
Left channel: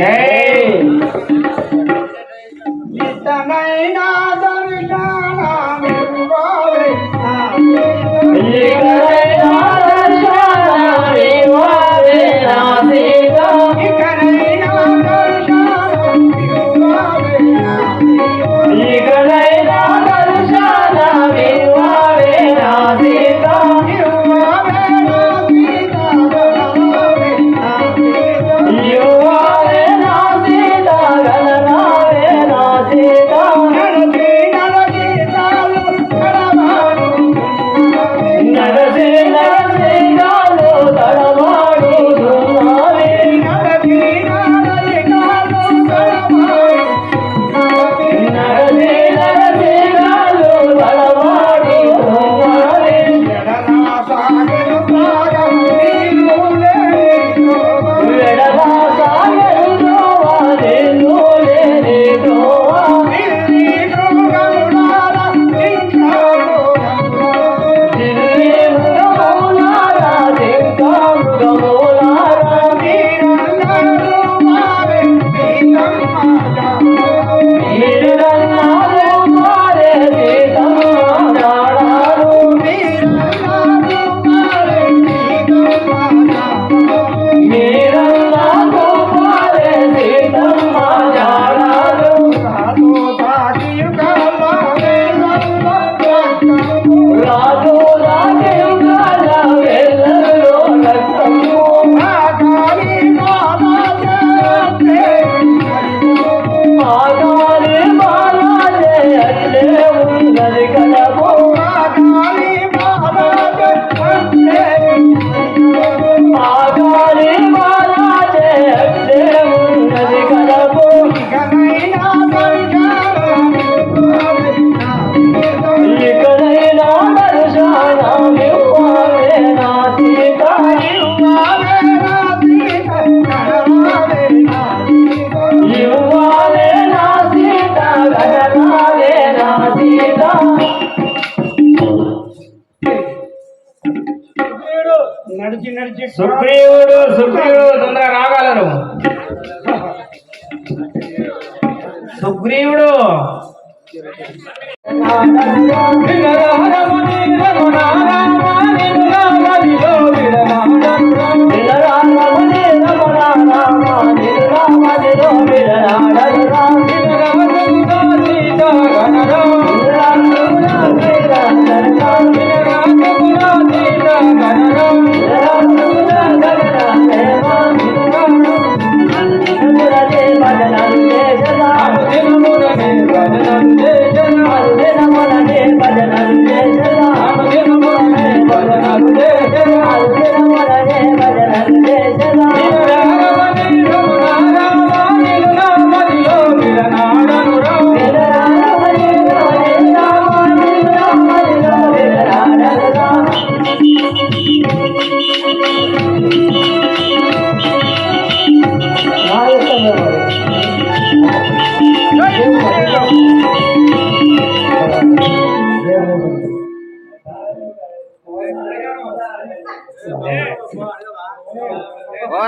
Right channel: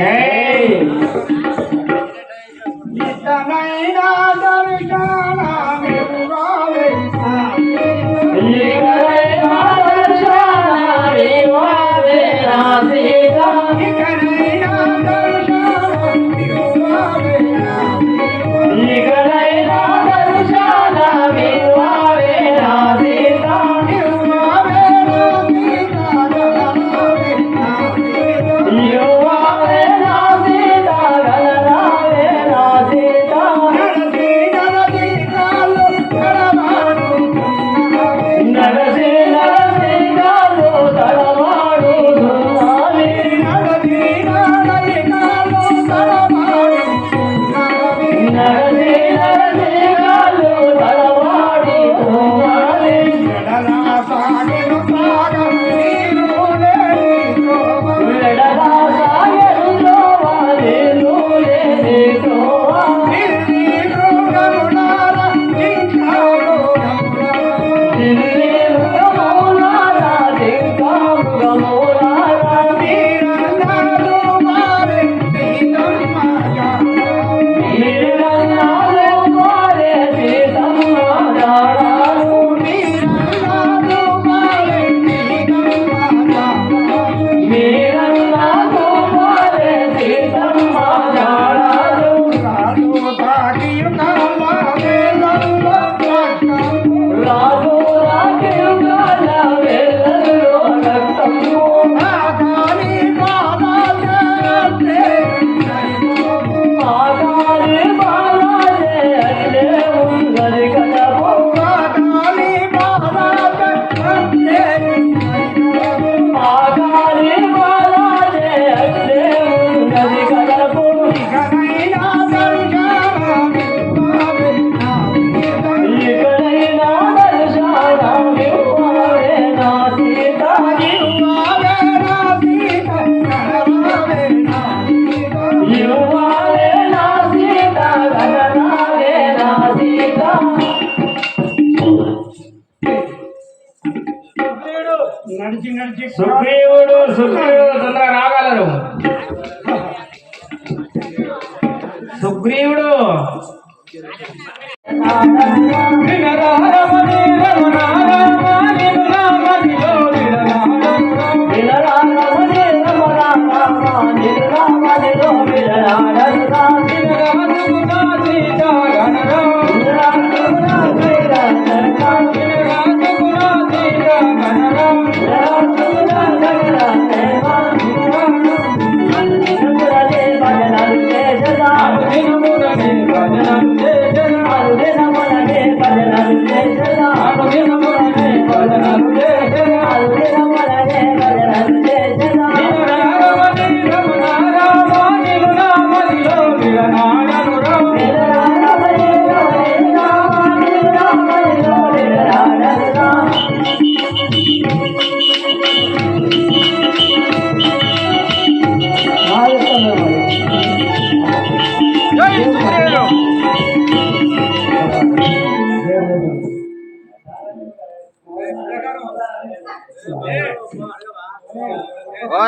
ఇతనైనా దర్శనమివ్వవే. ఇకనైనా దర్శనమివ్వవే. నడిచి సుగ్రీవుడు తొందరగా రాగలరు. సుగ్రీవుడు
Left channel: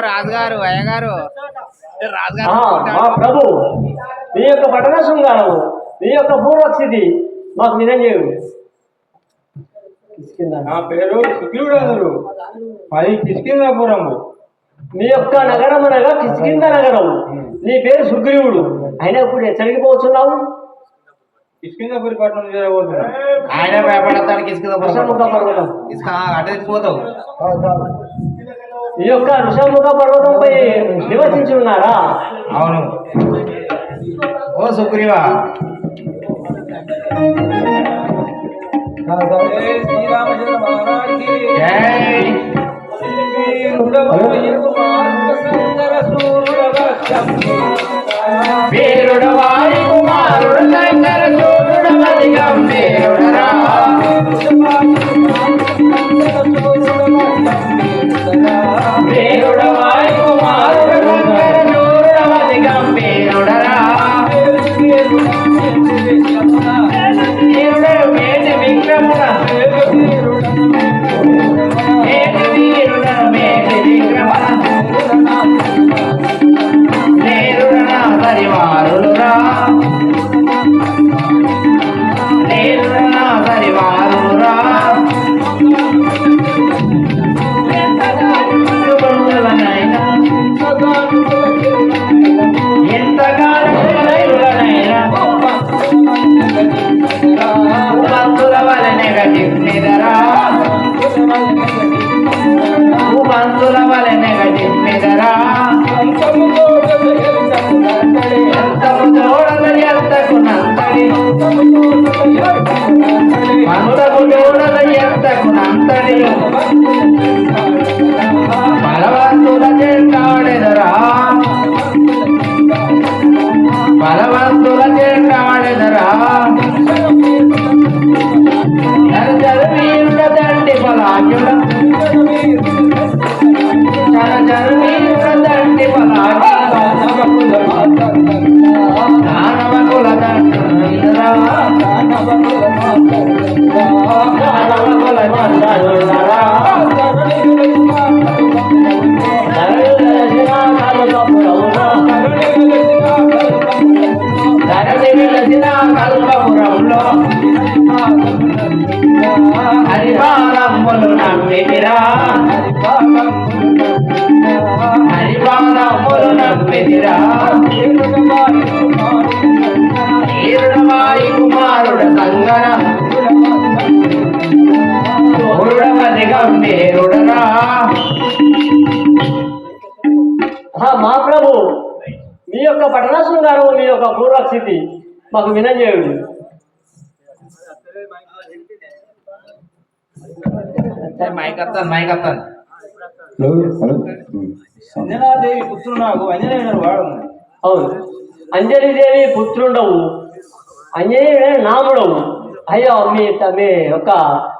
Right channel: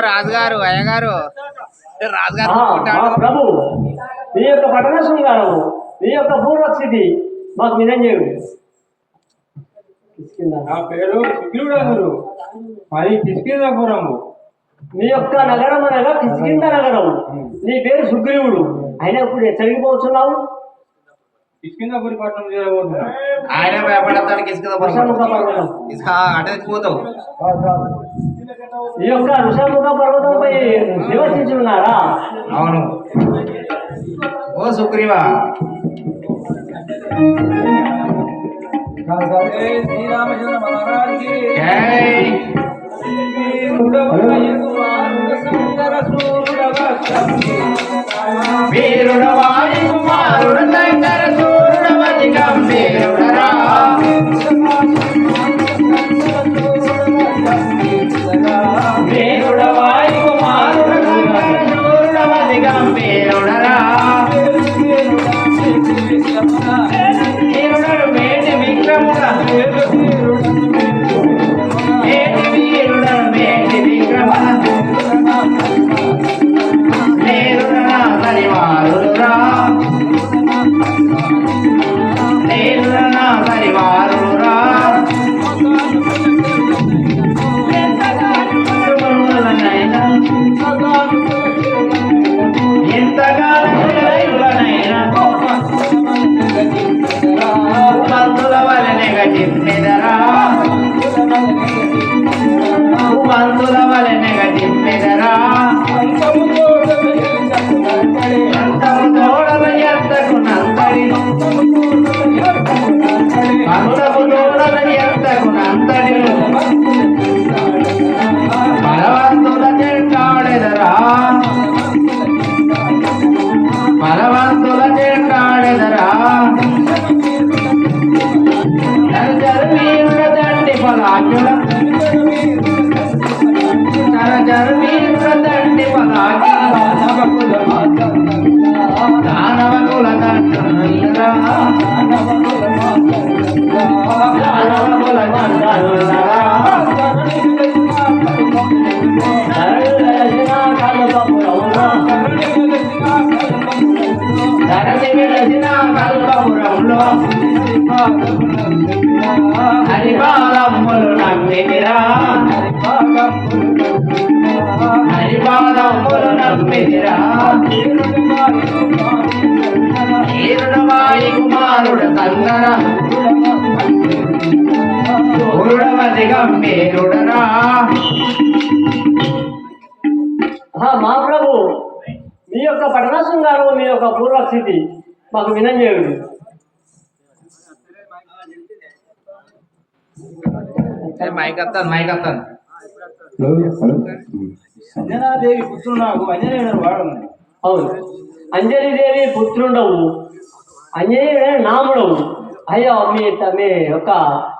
రాజుగారు అయ్యగారు మా ప్రభు మీ యొక్క పట్టణ శృంగారము మీ యొక్క పూర్వస్థితి మాకు వినంజేయుడు. నా పేరు సుగ్రీవుడు గారు, మాది కిష్కింధాపురము. మీ యొక్క నగరం అనగా కిష్కింధ నగరం. నీ పేరు సుగ్రీవుడు, అయినా ఇప్పుడు ఎక్కడికి పోతున్నావు? కిష్కింధాపురి పట్టణం చేయబోతున్నా. ఆయన భయపడతాడు అటు తెచ్చిపోతావు. ఈ యొక్క ఋషముఖ పర్వతంపై నివసించి ఉన్నారా? అవును. ఓ సుగ్రీవా, వీరుడు వారి కుమారుడు శంకర సూర్యుడు గంభీరుడరా. వీరుడు వారి కుమారుడు సూర్యుడు గంభీరుడరా. వీరుడు మేటి విక్రముడా, మేటి వీరుడు మేటి విక్రముడా. నేరుడా హరివారుడురా, నేరుడా హరివారుడురా. ఎంతగానైనా మంతుల వలనే గట్టిరా, మంతుల వలనే గట్టిరా. అంతము తోడల ఎంతకు నంతడి, అంతము తోడల ఎంతకు నంతడి. బలవంతుల చెంటాడెదరా, బలవంతుల చెంటాడెదరా. వీరుడ దండి బలాజ్ఞుడ, వీరుడ దండి బలాజ్ఞుడ. దానవకుల దండనురా, దానవకుల దండనురా. ధరణి వెలసిన కల్పపురంలో హరిపాదములు నమ్మితిరా, హరిపాదములు నమ్మితిరా. వీరుడు వారి కుమారుడు సంగన మూడవది గంభీరుడరా. మా ప్రభు మీ యొక్క పట్టణ శృంగారము మీ యొక్క పూర్వస్థితి మాకు వినంజేయుడు. మైకత్తాను మైకత్తాను. అంజనాదేవి పుత్రుడు నాకు అంజనేయుడు వాడము. అవును, అంజలిదేవి పుత్రుండవు, అంజనేయుడు నాముడవు. అయ్యో మీ యొక్క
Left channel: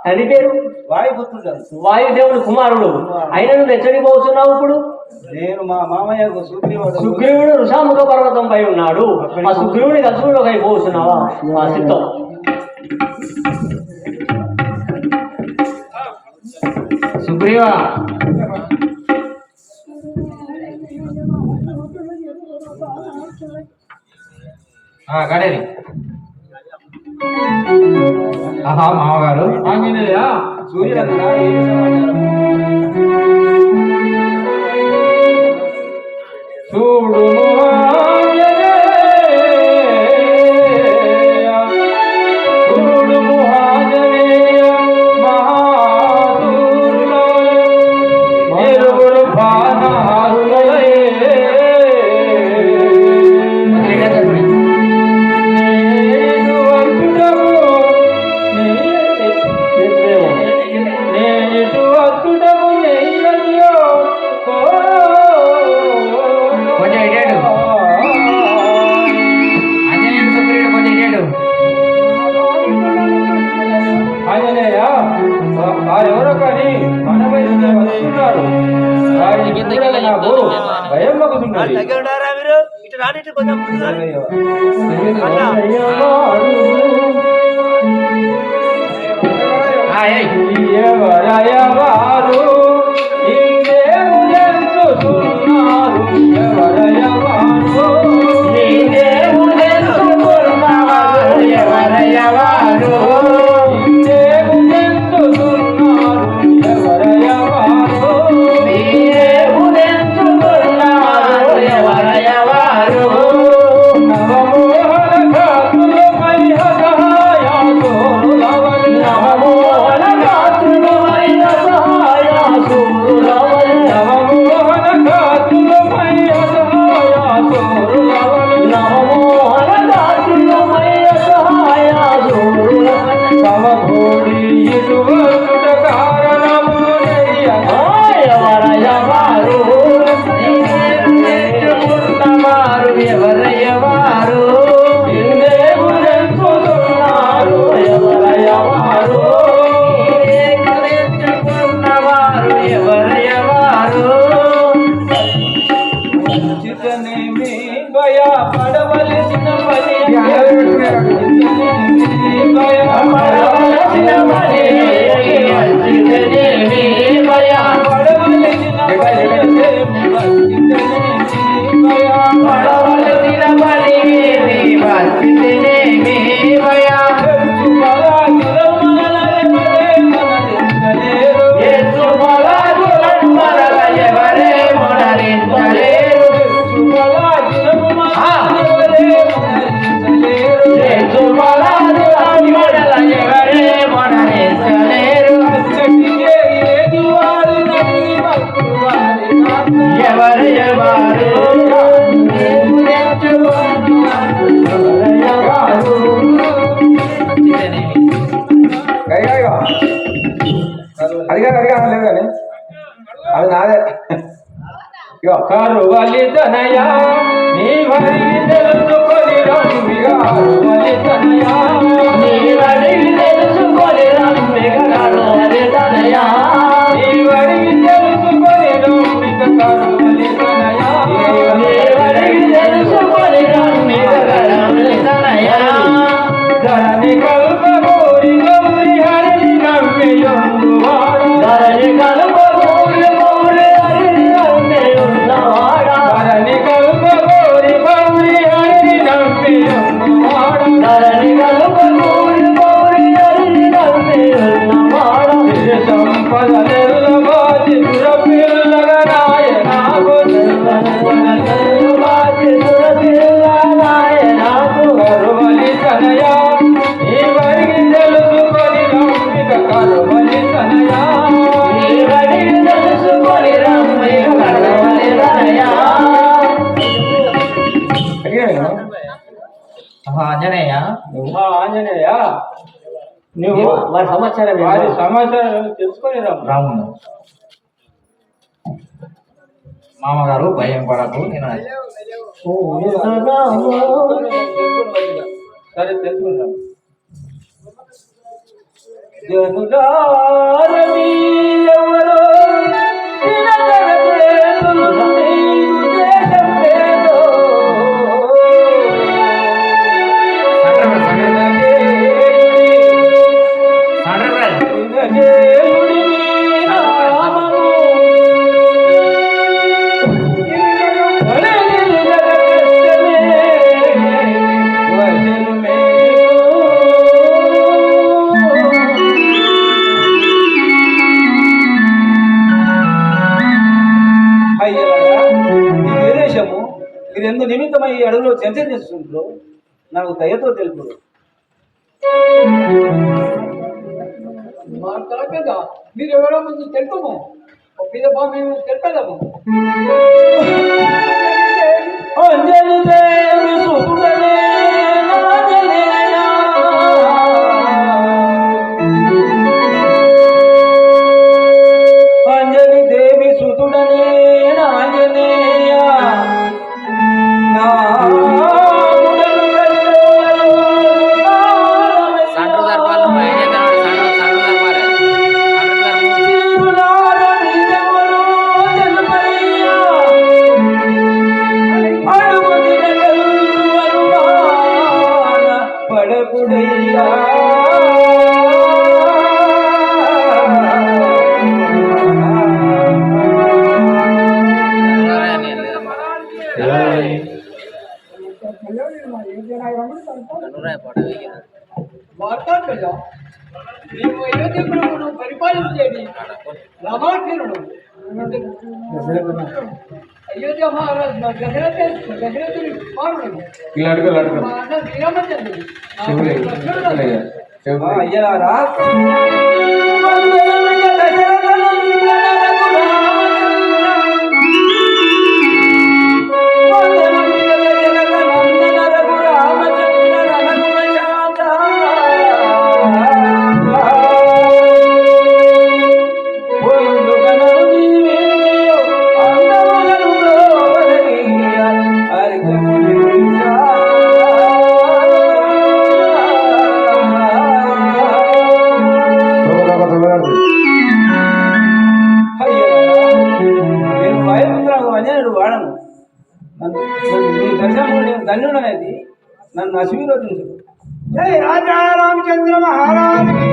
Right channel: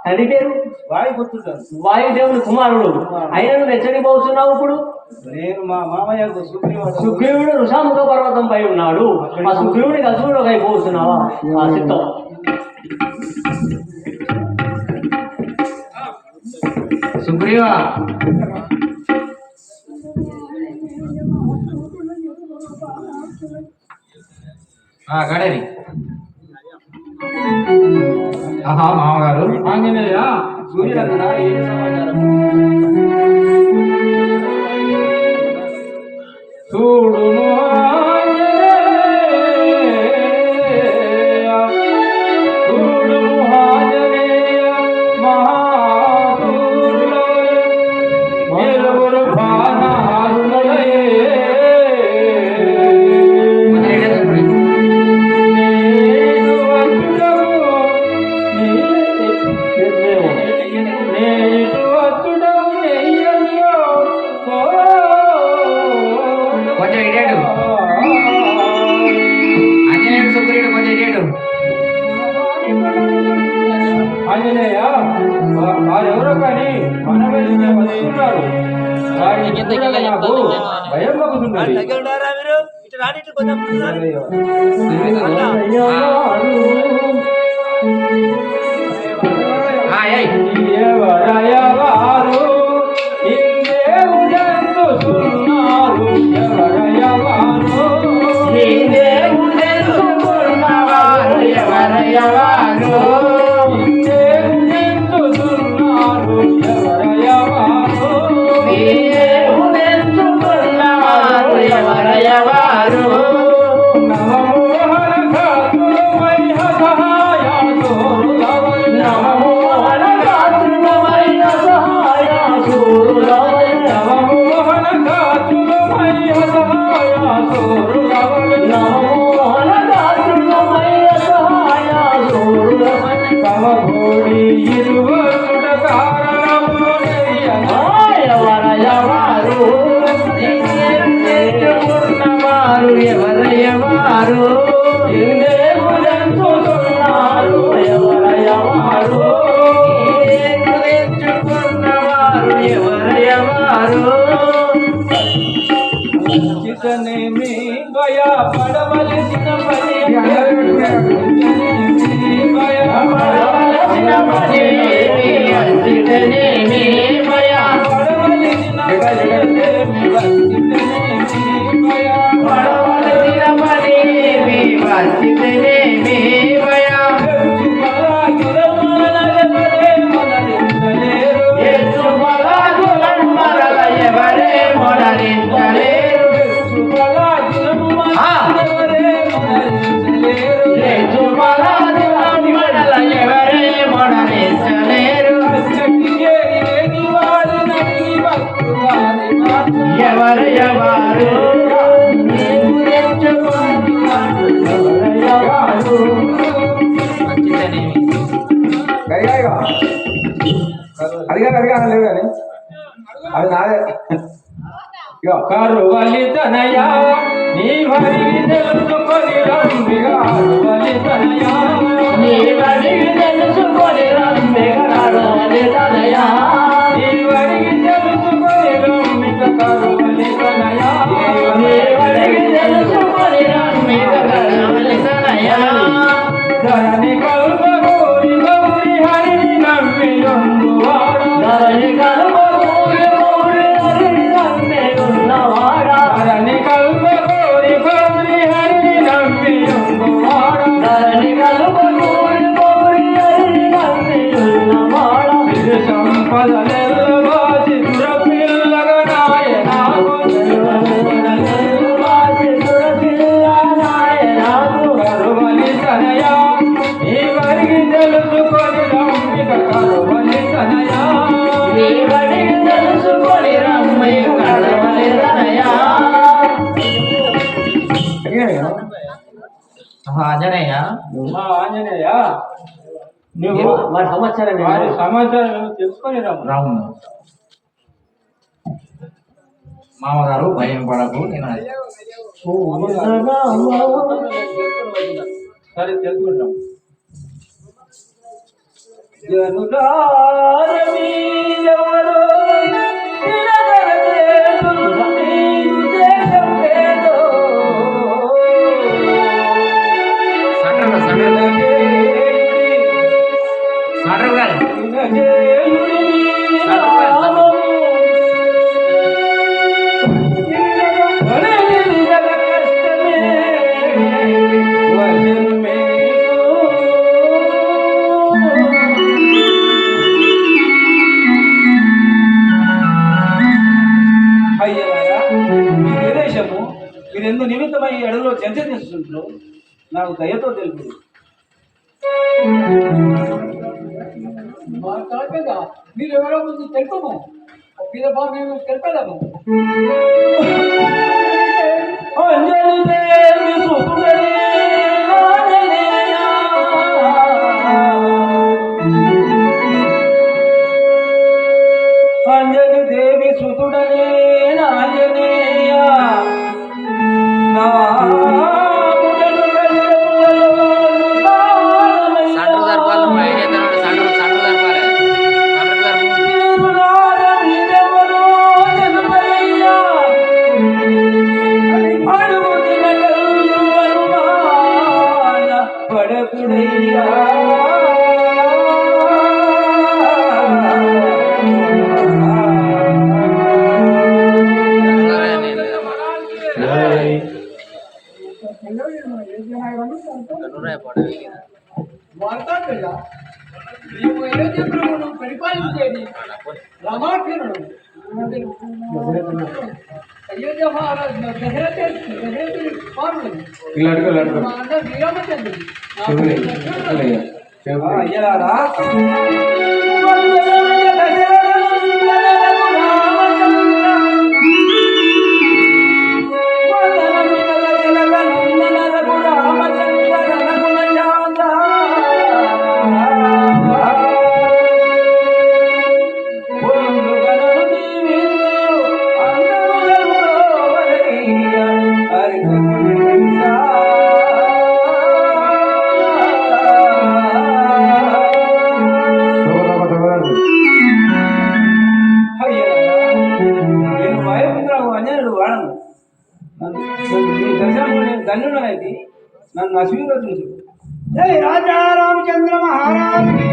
తండ్రి పేరు వాయుపుత్రుడు. వాయుదేవుని కుమారుడు అయిన నువ్వు ఎక్కడికి పోతున్నావు ఇప్పుడు? నేను మా మామయ్య సుగ్రీవుడు ఋషాముఖ పర్వతంపై ఉన్నాడు. ఆ సుగ్రీవుడి కలుసుకుని ఒక అయిపోతున్నావా? ఆ సిద్ధం సుగ్రీవా గడేరి ఆహా మామగారు ఆంజనేయ సూర్యరత్న ఏం సమాచారం చూడు కొంచెం ఇడాడు ఆంజనేయుడు సుగ్రీవుడు కొంచెం ఇడాడు ఆంజనేయ వారెవరో కానీ మన మీద వస్తున్నారు వారిని చూడగా నాకు భయం మగుతున్నది ఎవరయవారు ఇందేం చేస్తున్నారు ఎవరయవారు ఇందేం చేస్తున్నారు ఎవరయవారు అది నాదే కరువలి తనయ నీ వరి తెలుసుకొని రంబిగా కరువలి తనయ నీ వరి తెలుసుకొని రంబిగా కరువలి తనయ నీ వరి తెలుసుకొని రంబిగా కరువలి తనయ నీ వరి తెలుసుకొని రంబిగా కరువలి తనయ ధరణి కల్ప గౌరి గౌరి హరి నమ్మియుండు వాడు ధరణి కల్ప గౌరి గౌరి హరి నమ్మియుండు వాడు ధరణి కల్ప గౌరి గౌరి హరి నమ్మియుండు వాడు ధరణి కల్ప గౌరి గౌరి హరి నమ్మియుండు వాడు ఇది సంపదలెల్ల బాసి దురపిల్లగా నాయనాకు సంపదలెల్ల బాసి దురపిల్లగా నాయనాకు కరువలి తనయ ఈ వరి తెలుసుకొని రంబిక కరువలి తనయ ఈ వరి తెలుసుకొని రంబిక కరువలి తనయ ఆంజనేయ ఆంజనేయ నువ్వు వారి సమాచారం వారి సమాచారం తెలుసుకొని రాము మామగారు భయం పడకు నేను సరే తెలుసుకుంటాం జనులారమీ ఎవరో నిలబడలేదు, నీవు దేశం లేదో. సాండ్రబాయ్ వినజేయుడి మీద ఇందు నిమిత్తమై ఈ అడవిలో చర్చ చేస్తుంటారు నాకు దయతో తెలుపు. మా తల మీద మీరు ఎవరో ముందు తెలుపము మీద మేము తెలిపేదాము. అంజలి దేవి సుతుడనే ఆంజనేయ, అంజలి దేవి సుతుడనే ఆంజనేయ, నా సండ్రు జరపాలి నువ్వు ఏం చేద్దాం సండ్రు జరపాలి సండ్రు జరుపు పడకుడయ్యా మార్తాండయ్య నీవు అయోధ్య ప్రభువును పరిపాలించేది రామాక్షరుడు. అయోధ్య మహారాజు మా దశరథుని కుమారుడు మా అన్న శ్రీరామచంద్రుడు లక్ష్మణుడు. అయ్యారా ధన్యుడనైతే నన్ను ఆశీర్వదించు. జై రాజా రామచంద్ర మహారాజ్ కి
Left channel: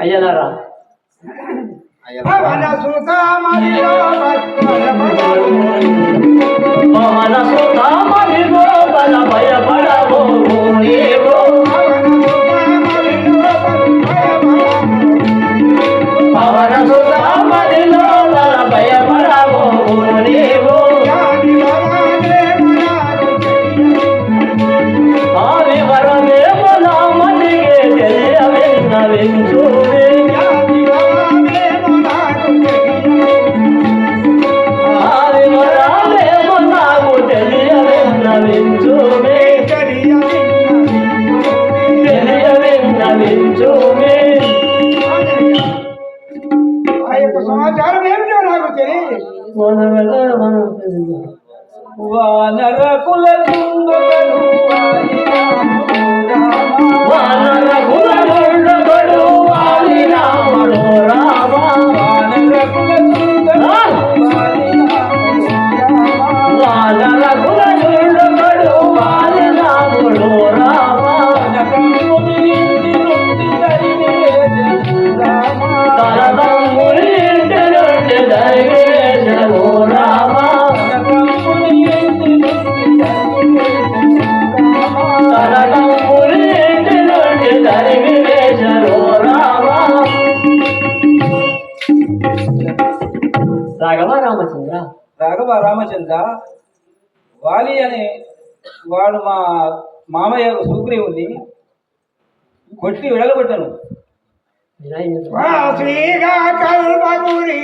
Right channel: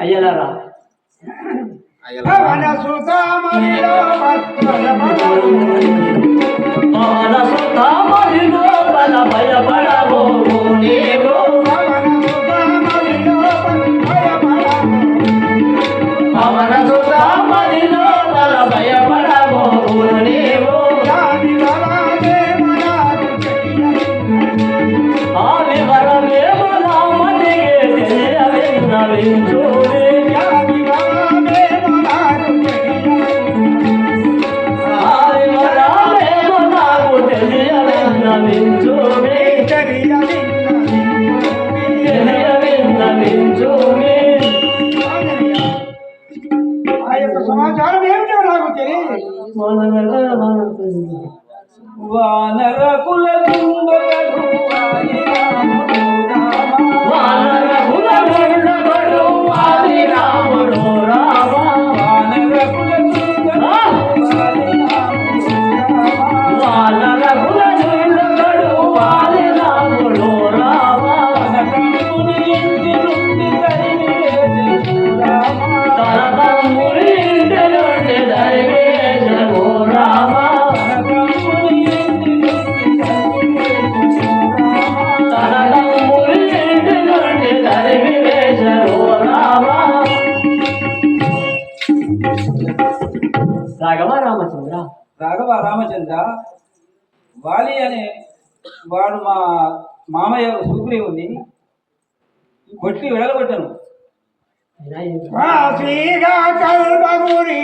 అయ్యలారా పవన సుతామణిలో పవన సుతామణిలో బల భయపడవు నీవు పవన సుతామణిలో పవన సుతామణిలో బల భయపడవు నీవు జాతి వరదేవ నామటికి తెలియవిన్నవించుడి నాకు తెలియవిన్నవించుడి వాలి అనే వాడు మా మామయ్య సుగ్రీవుని కొట్టి వెళ్ళగొట్టాను. వాసిగా కల్పగురి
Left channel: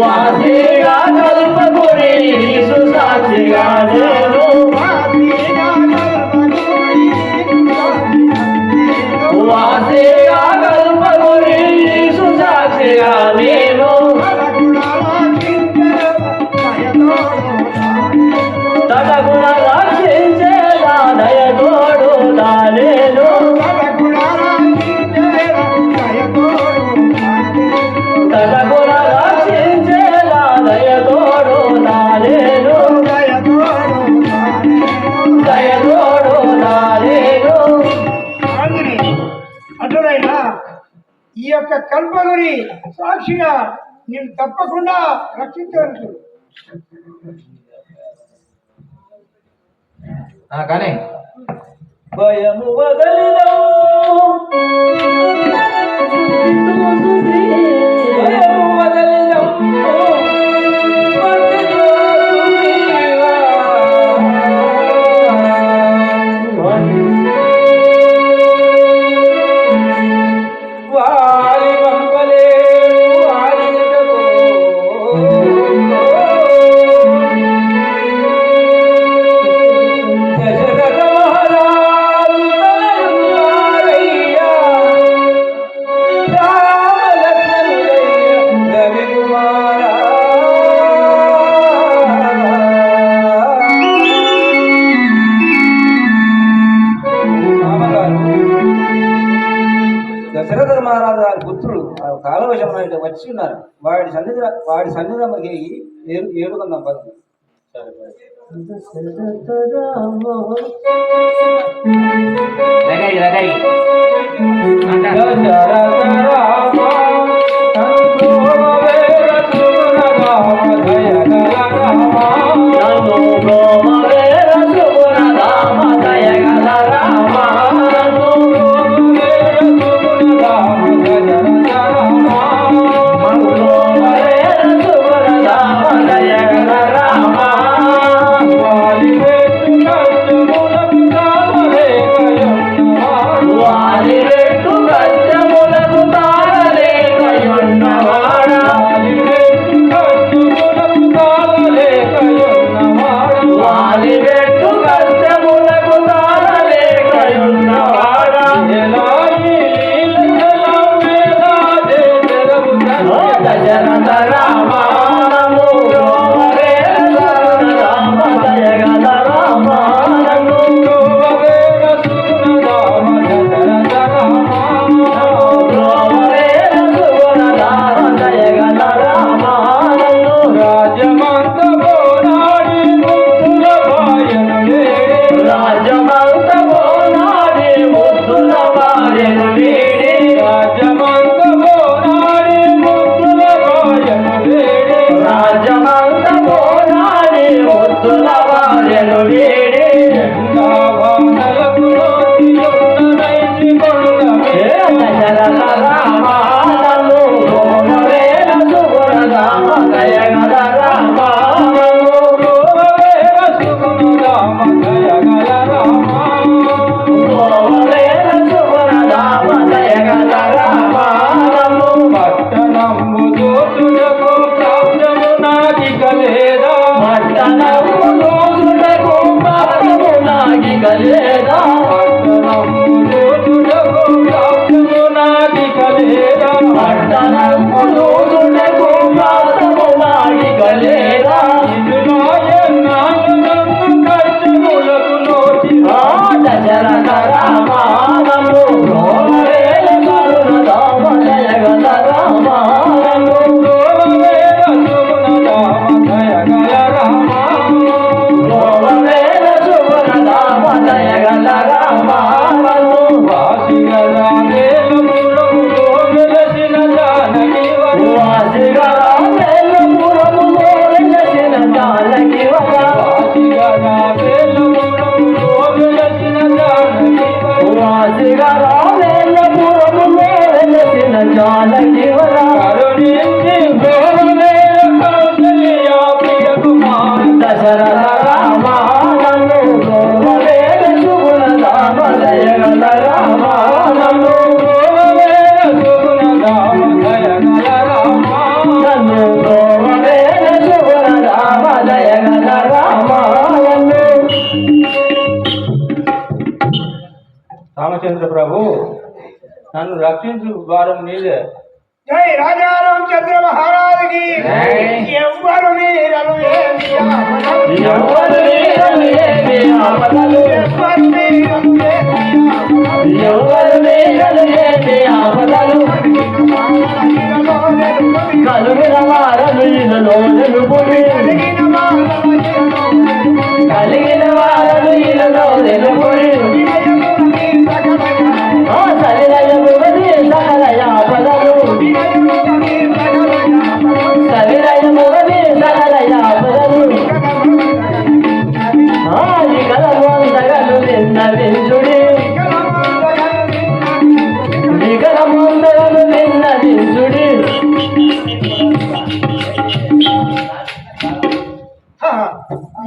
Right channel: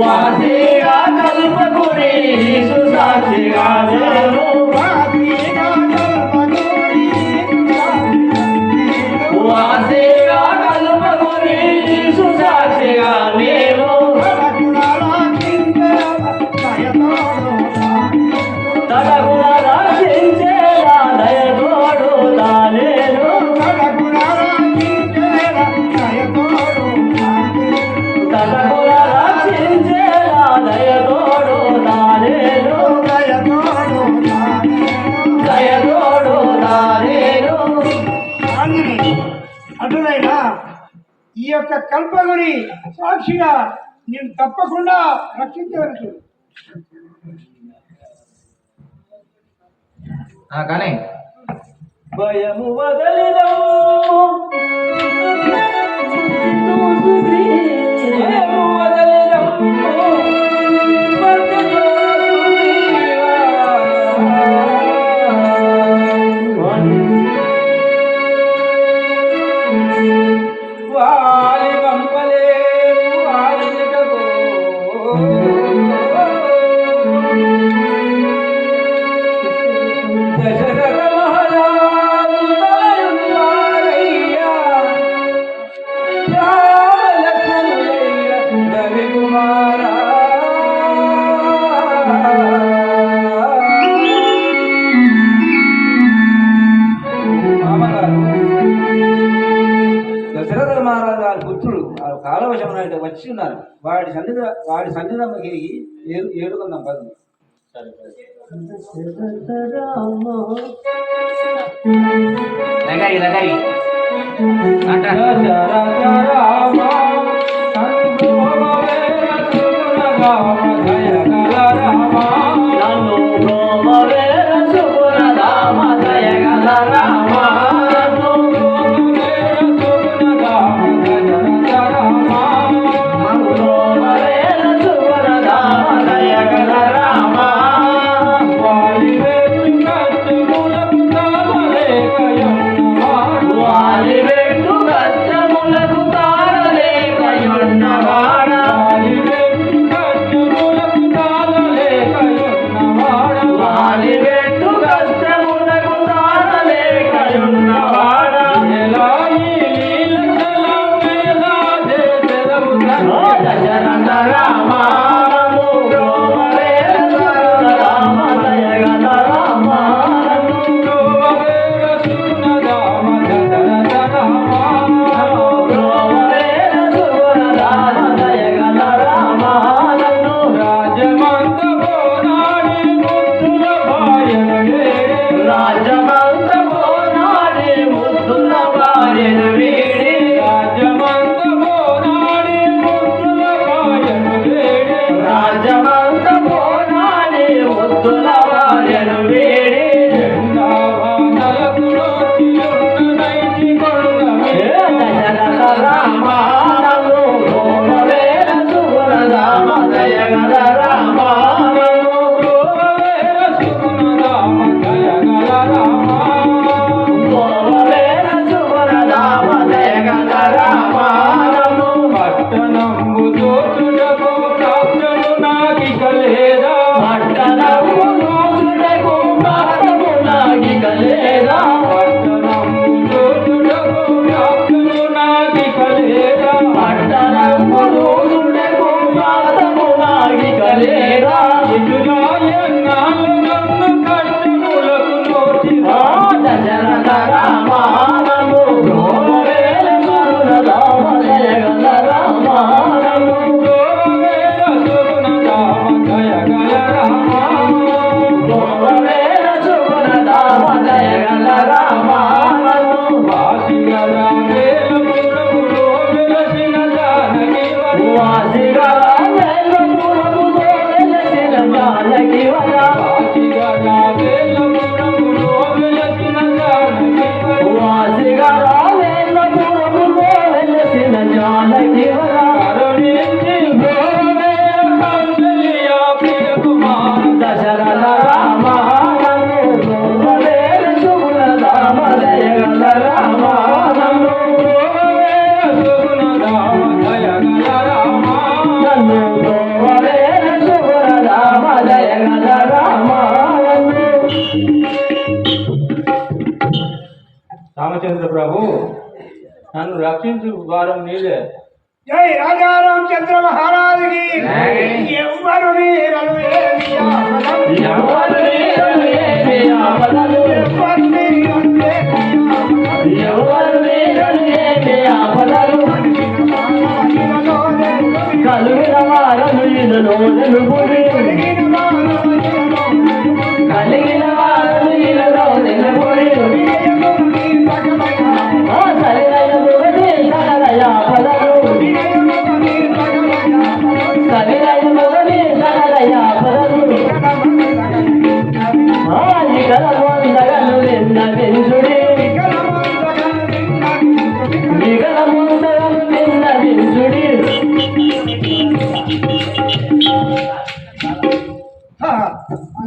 వాసిగా కల్పగురి సుసాక్షిగా లేవు. వాసిగా కల్పగురి వాసిగా కల్పగురి సుసాక్షిగా లేవు. తనకున రక్షించేలా దయతోడు తానేను. తనకున రక్షించేలా దయతోడు తానేను. దయతోడు తానేను. అటులైనా ఈ యొక్క కల్పగురి సాక్షిగా నేను తప్పకుండా రక్షించవచ్చు. కానీ భయము వదలిదము భయము వదలిదము వాలి పంపలే వాలిటకు దశరథ మహారాజు తనయువారయ్యా రామలక్ష్మణులయ్య రవి కుమారా. దశరథ మహారాజు గారి పుత్రుడు కాలవశం వచ్చి ఉన్నారు. వాడి సన్నిధి ఏడుకుందాం పదండి. దగ్గరి దశరథ రామ సంతోషేర సుగుణధామ దయగల రామ. నమోవేర సుగుణధామ దయగల రామ. నమోవేర సుగుణధామ దయగల రామ. నమోవేర సుగుణధామ దయగల రామ. వాలివేలు కష్టములకు తాళలేక రామచంద్ర ప్రభు నన్ను రక్షించు భారం నీదే. జై రాజా రామచంద్ర మహారాజుకి ఎవ్వరు మీరలు ఏమి ఆపదలు, ఎవరు వీరలు ఏమి ఆపదలు, ఎవ్వరు మీరలు ఏమి ఆపదలు, ఎవరు వీరలు ఏమి ఆపదలు, కలిగిన వారలు ఇలలో నిలుపుడి, కలిగిన వారలు ఇలలో నిలుపుడి, సరిదయముగని సకల ఆపదలు, సరిదయముగని సకల ఆపదలు, నిగలమందగలు విన్నవించుడి, నిగలమందగలు విన్నవించుడి.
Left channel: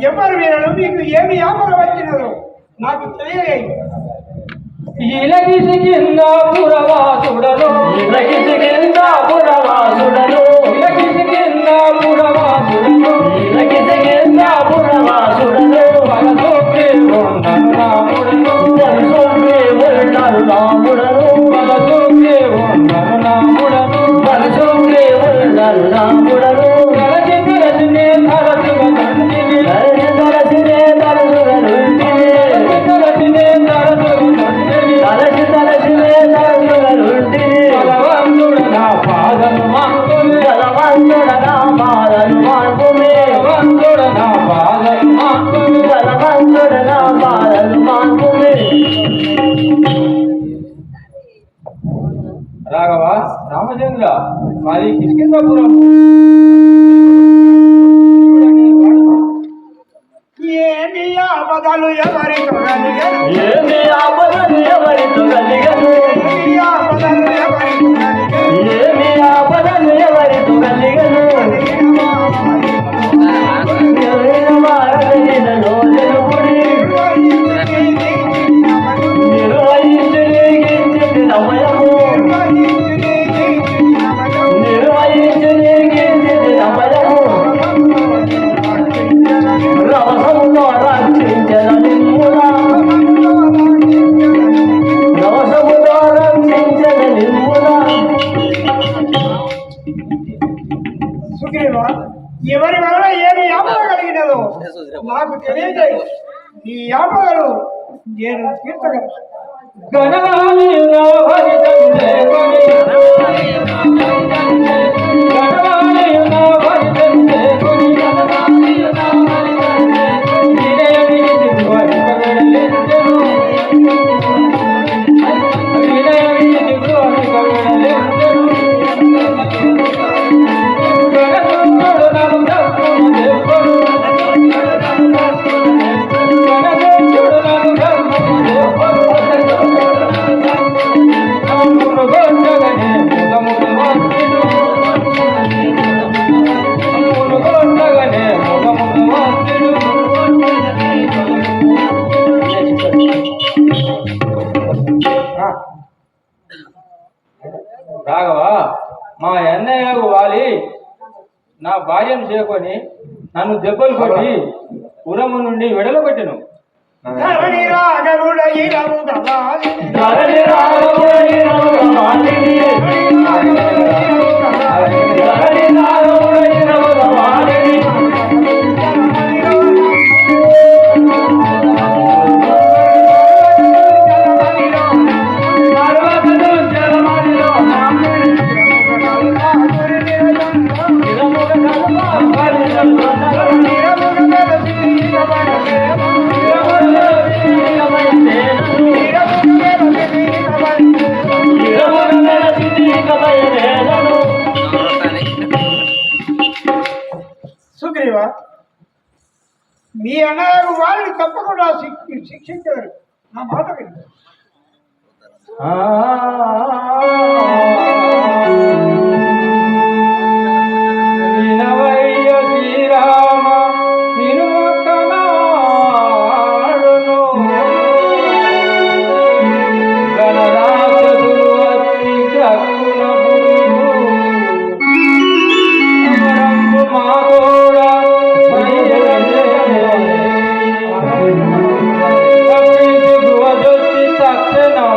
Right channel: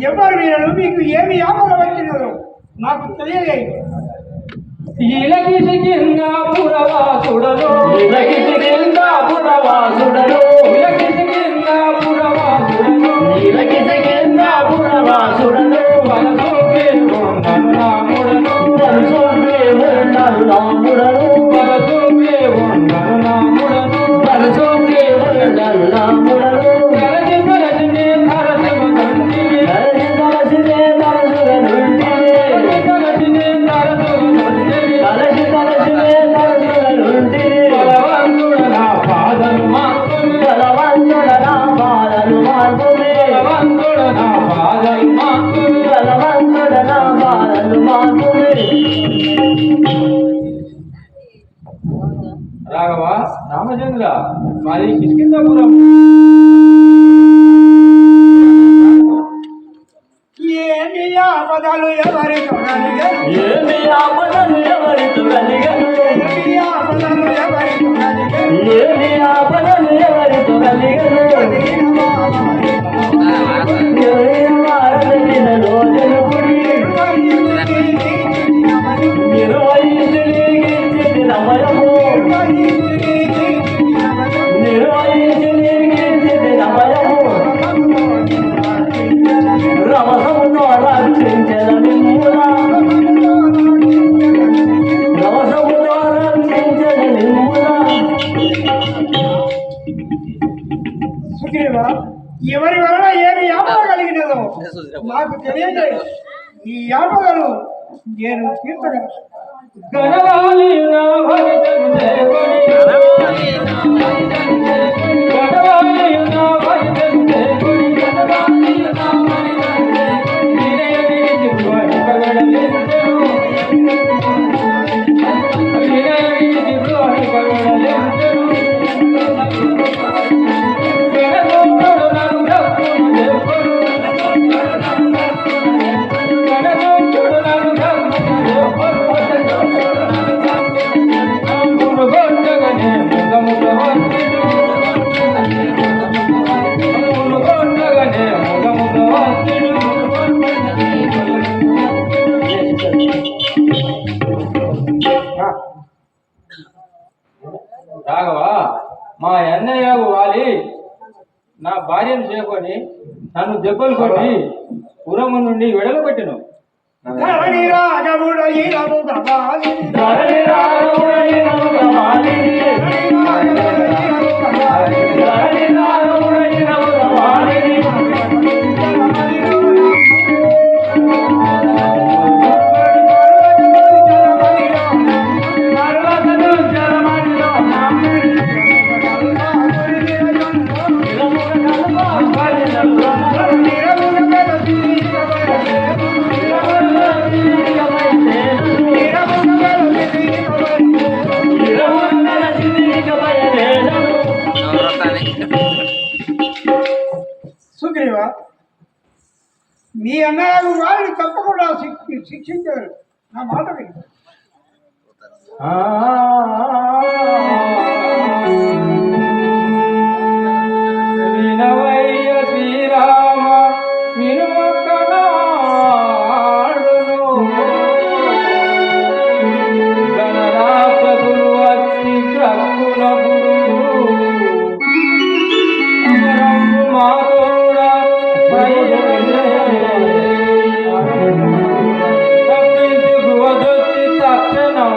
ఎవరు మీరలు మీకు ఏమి ఆపద వచ్చినదో నాకు తెలియలేదు. ఇలగిసి కింద పురవాసుడను, ఇలగిసి కింద పురవాసుడను, ఇలగిసి కింద పురవాసుడను, ఇలగిసి కింద పురవాసుడను, వలసొక్కి ఉండను రాముడను, వలసొక్కి ఉండను రాముడను, వలసొక్కి ఉండను రాముడను, వలసొక్కి ఉండను రాముడను, కలసి కలసి నే తరచుగా తండ్రిని, కలసి కలసి నే తరచుగా నుండిని, కలసి నే తరచుగా తండ్రిని, కలసి కలసి నే తరచుగా నుండిని, బలవంతుడు నా పాదలు మాంతుమే, బలవంతుడ నా పాదలు మాటుమే, బలవంతుడు నా పాదలు మాంతుమే. బలవంతుడ నా పాదలు మాటుమే. రాఘవ రామచంద్ర మాది కిష్కిందాపురం. ఏమి ఆపదలు ఎవరి తొలగను, ఏమి ఆపదలు ఎవరితో కలిగను, ఏమి ఆపదలు ఎవరి తొలగను, ఏమి ఆపదలు ఎవరితో కలిగను, ఎవరిన వారలిలలో నిలుపుడి, నిర్వహించి నీకించితి నమయము, నిర్వహించి నీకించితి నమయము, రవసములో రక్షించెద నిమ్మునా, రవసములో రక్షించెద నిమ్మునా. సుగ్రీవ ఎవరి వలన ఏమి ఆపద కలిగినదో నాకు తెలియజేయి. ఈ ఆపదలు నేను తీర్చగలను. గణరాలి నా భజితంతే కొని, గణరాలి నా భజితంతే కొని, వినయమిది జిహ్వని కవిణలించెను, వినయమిది జిహ్వని కవిణలించెను, గణతంతుడు నన్ను దక్కును దెబ్బను, గణతంతుడు నన్ను దక్కును దెబ్బను, అమ్ముడు గొండగనే ముగముగ వంతుడు, అమ్ముడు గొండగనే ముగముగ వంతుడు. రాఘవ మా అన్నయ్యకు వాలి నా భార్యను చేకొని నన్ను దెబ్బలు కొట్టి పురము నుండి వెడలబెట్టెను. ధరణి రాఘవుడయినము గవాలి, ధరణి రాఘవుడైనము గవాలిని, ధరణి రాఘవుడైనము గవాలిని, పర్వతము జలమణిలోన, నిలముగ సుగ్రీవ మీ అన్నయ్యకు వారిని తప్పకుండా శిక్షించారు. నా మాట విను. వినవయ్య శ్రీరామ వినుమొక్కనాడును, గణరాక్షసులు వచ్చి కక్కునప్పుడు అమరంబు మా తోడ తప్పించు గువదొచ్చి తక్షణం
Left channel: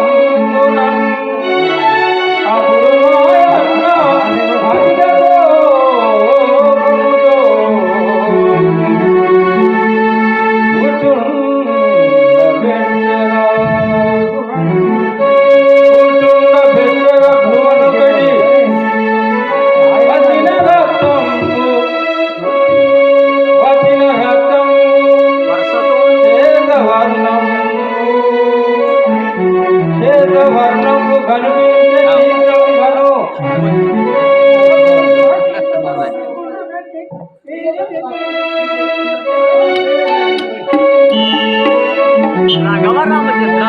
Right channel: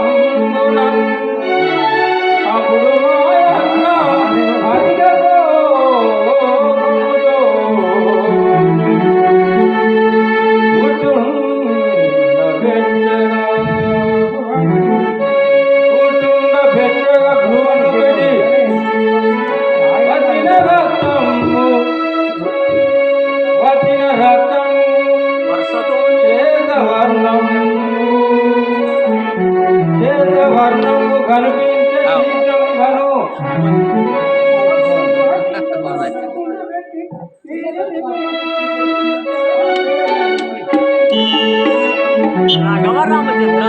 గవర్రామచంద్ర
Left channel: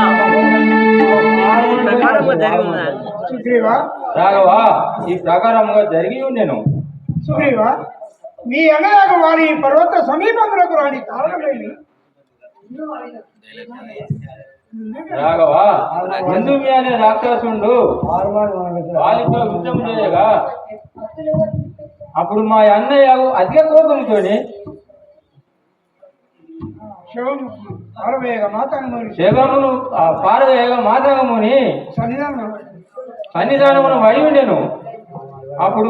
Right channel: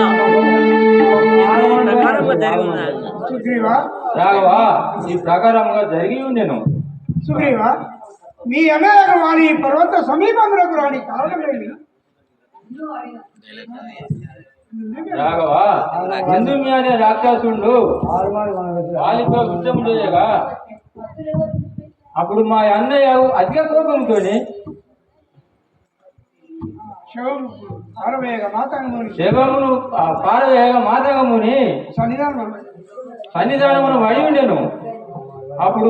ఈ ప్రకారంగా జరిగి ఉన్నాయి. సుగ్రీవ రాఘవ ఈ ప్రకారంగా జరిగి ఉండేను. సుగ్రీవ మీ అన్నయ్యకు వారి పర్వత సమీపంలోకి రాని కారణమేమి? రాఘవ బంధుమి అనే రాక్షసుడు వాళ్ళతో యుద్ధం చేయగా అప్పుడు మా అన్నయ్య అధిక కోపంతో శవమును పారవేయగా మాతగముని సన్నిధానమును వడి ఉండెను. అప్పుడు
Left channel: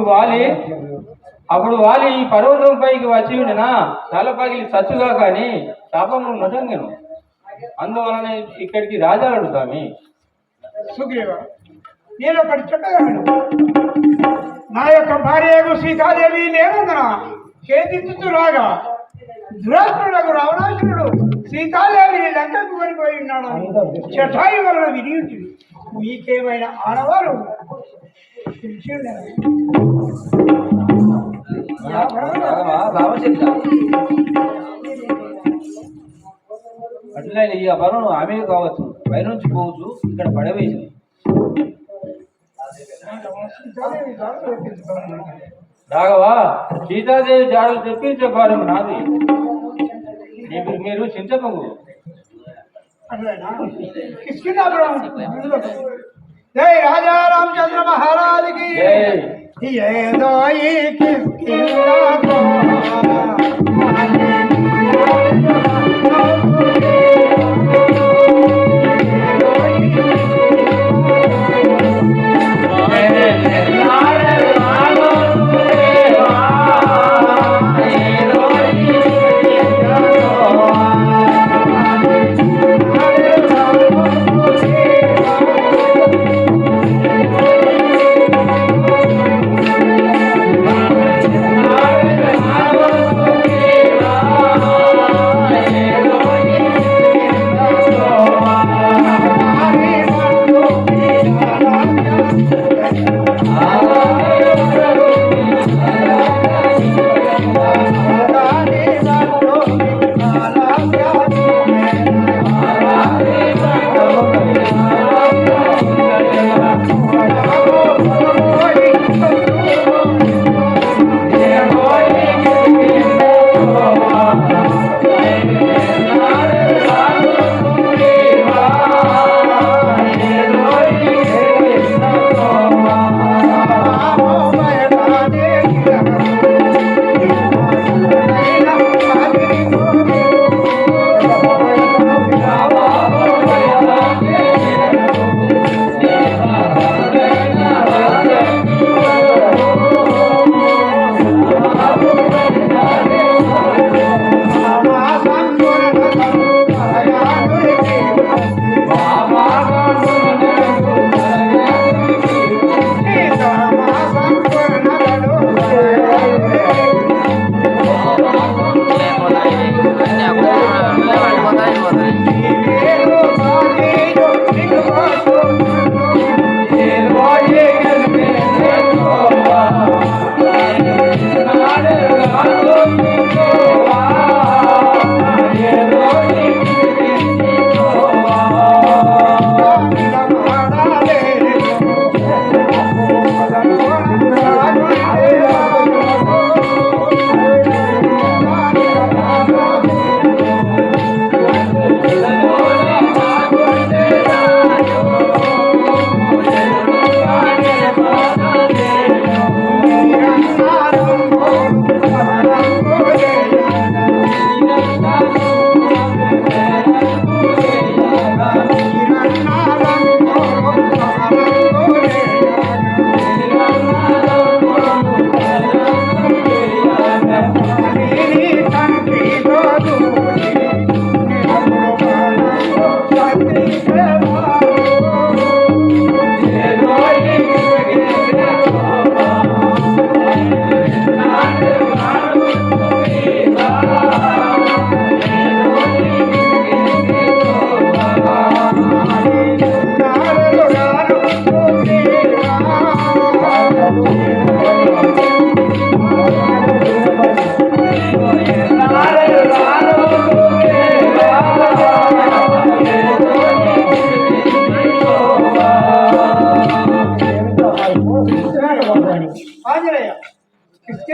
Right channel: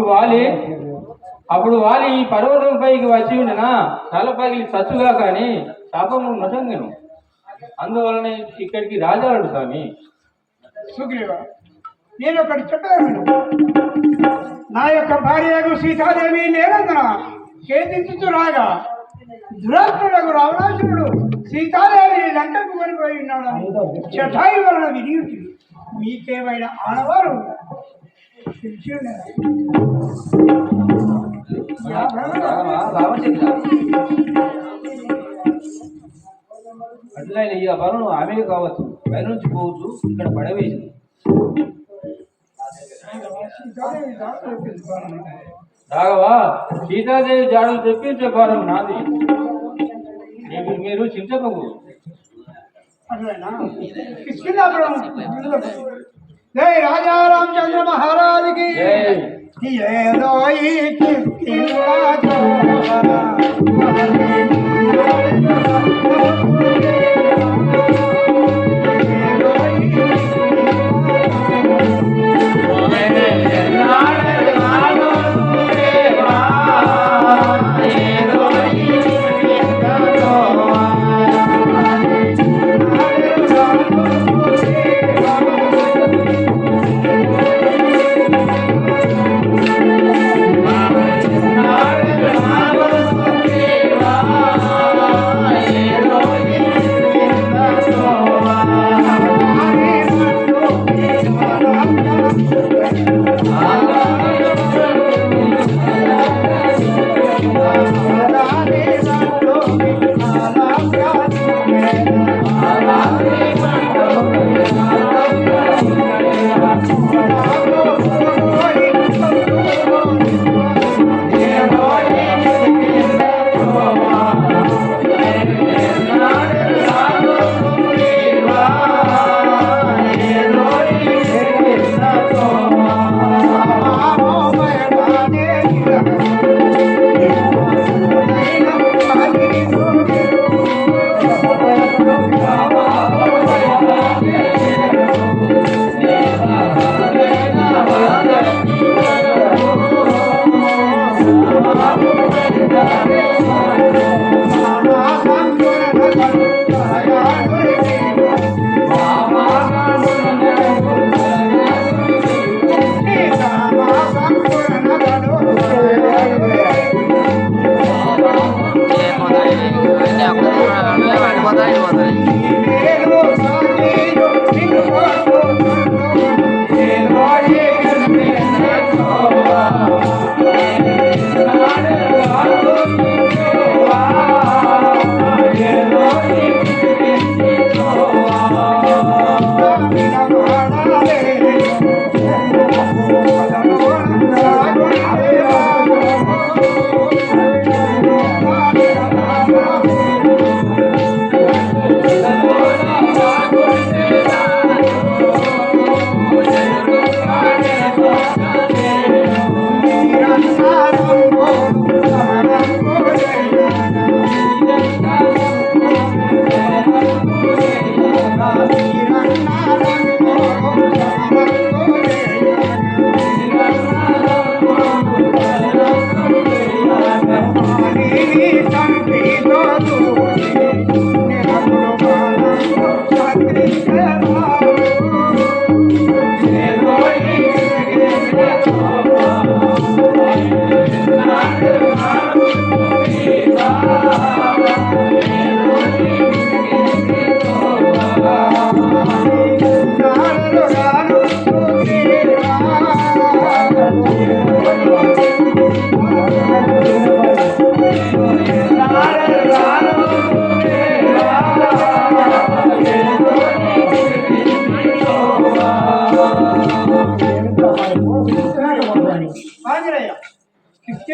వాలి ఈ పర్వతం పైకి వచ్చి ఉండేనా తల పగిలి చచ్చుగా కానీ శాపము నొసంగెను. అందువలన ఇక్కడికి రాజాడు స్వామి. సుగ్రీవ నేను ఒకటి చెప్పాను. నా యొక్క భార్యకు సీతాదేవి లేనందున ఛేదించుతూ రాగా దురాత్ములకు రావణాసురుడు సీతాదేవి లంకకు వెళ్ళిపోయి ఉన్నాడు. చటాయి వలన విని ఉంటుంది. మీకేమైనా ఆడవారు తెలిసి ఉండేది. రామచంద్ర అట్లయినా ఈ వరం ఆమె కావచ్చు, పై నుంచి పోవచ్చు, ఇక్కడ పడవేసింది. రాఘవ సీతాదేవి జాడలు తెప్పించే భారం నాది, మీరు చింతపకూడదు. అట్లయినా కిష్కిందాపురం జై రాజా రామచంద్ర మహారాజుకి ఏదో ఈ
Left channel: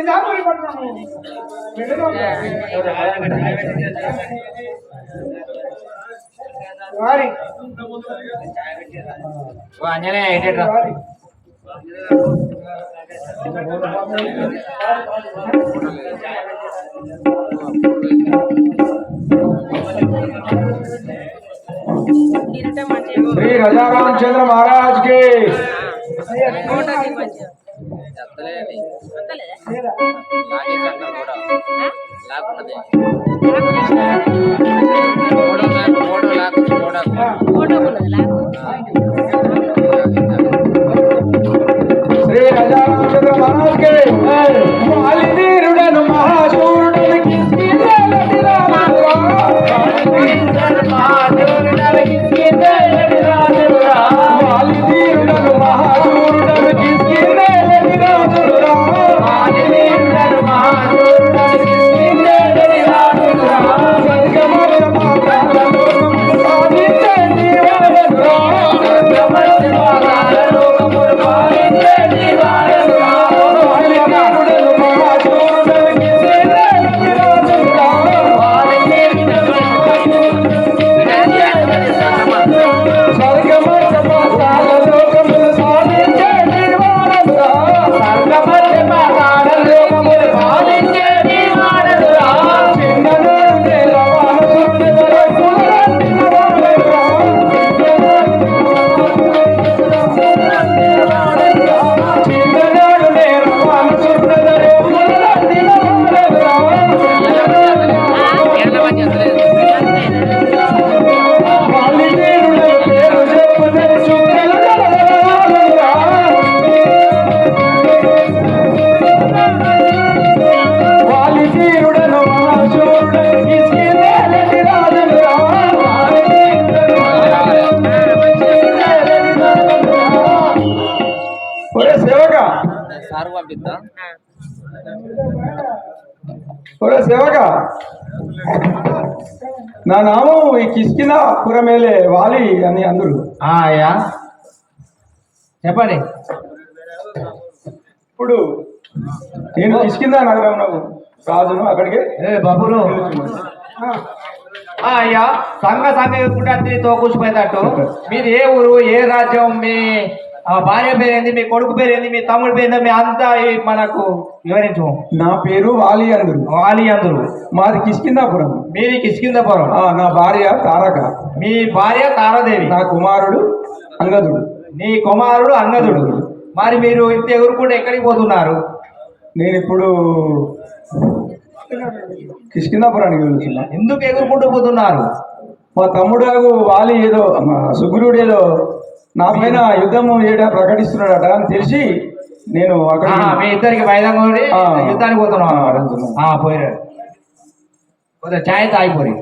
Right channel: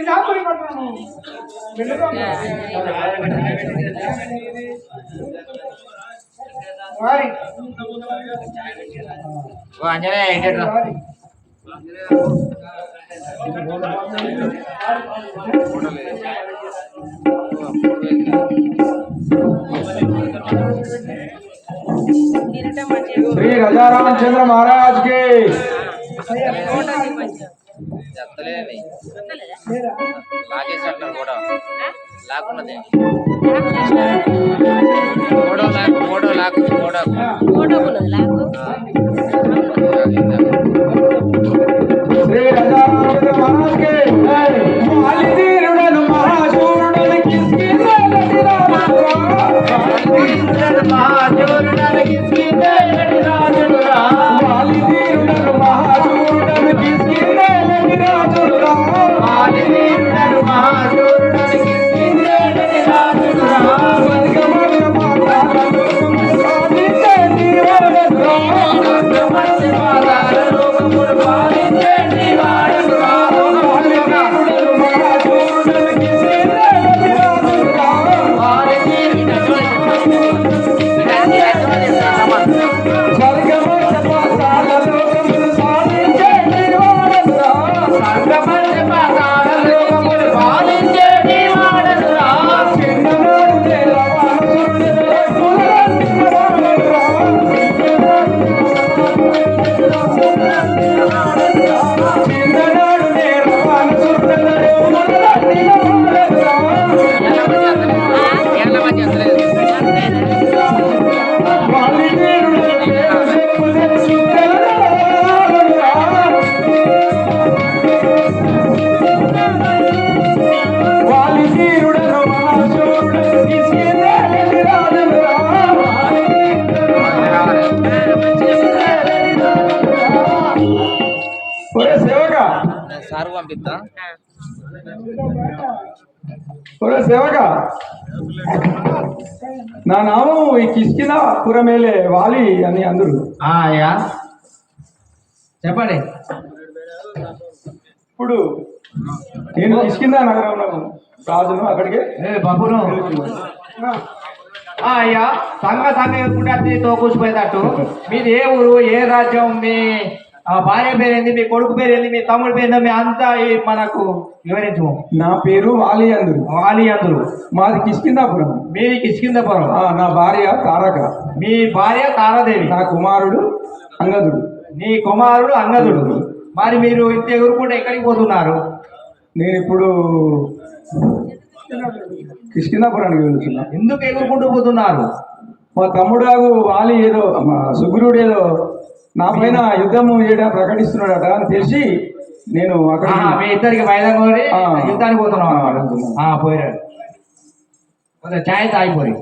దాపురి పట్టణము వారి ఓ అంజనే ఏంటట్రా श्री राजा रामचंद्र महाराज के श्री राजा रामचंद्र महाराज के సార్ పంపిస్తా సేవక నా నామం ఈ కిష్కింద పురమేలే వాలి అని అందరు అయ్యా చెప్పండి. ఇప్పుడు నేను కిష్కింద నగరంలో రాజును అక్కడికి బాబును అయ్యా సంఘ సంఘ తోకూసిపోయేటట్టు మీది ఏ ఊరు ఏ రాజ్యం మీ భార్య పేరేంది మీ కొడుకు పేరేంది మీ తమ్ముడు పేరు మీ అంతా మనకు వివరించు. నా పేరు వాలి అందరు. వాలి అందరు మాది కిష్కిందాపురం. మీది కిష్కిందాపురం. నా భార్య తారక. మీ భార్య తారాదేవి. నా కుమారుడు అంగదుడు. నీ కుమారుడు అంగదుడు. మరి మీరు ఇంత ఎగురుకుంటే ఎక్కడికి పోతున్నారు? నేను ఇప్పుడు కిష్కిందాపురానికి వెళ్తున్నా. ఎందుకు ఎగురుకుంటూ పోతున్నారు? మా తమ్ముడు వాలి ఏదో సుగ్రీవుడు ఏదో నా పైన యుద్ధము ప్రకటిస్తున్నాడట అని తెలిసి నేను అక్కడ మీ ఇద్దరికి మైదానం యుద్ధానికి పోతున్నాం. పోయిరాడు ఛాయ్ తాగిపోయి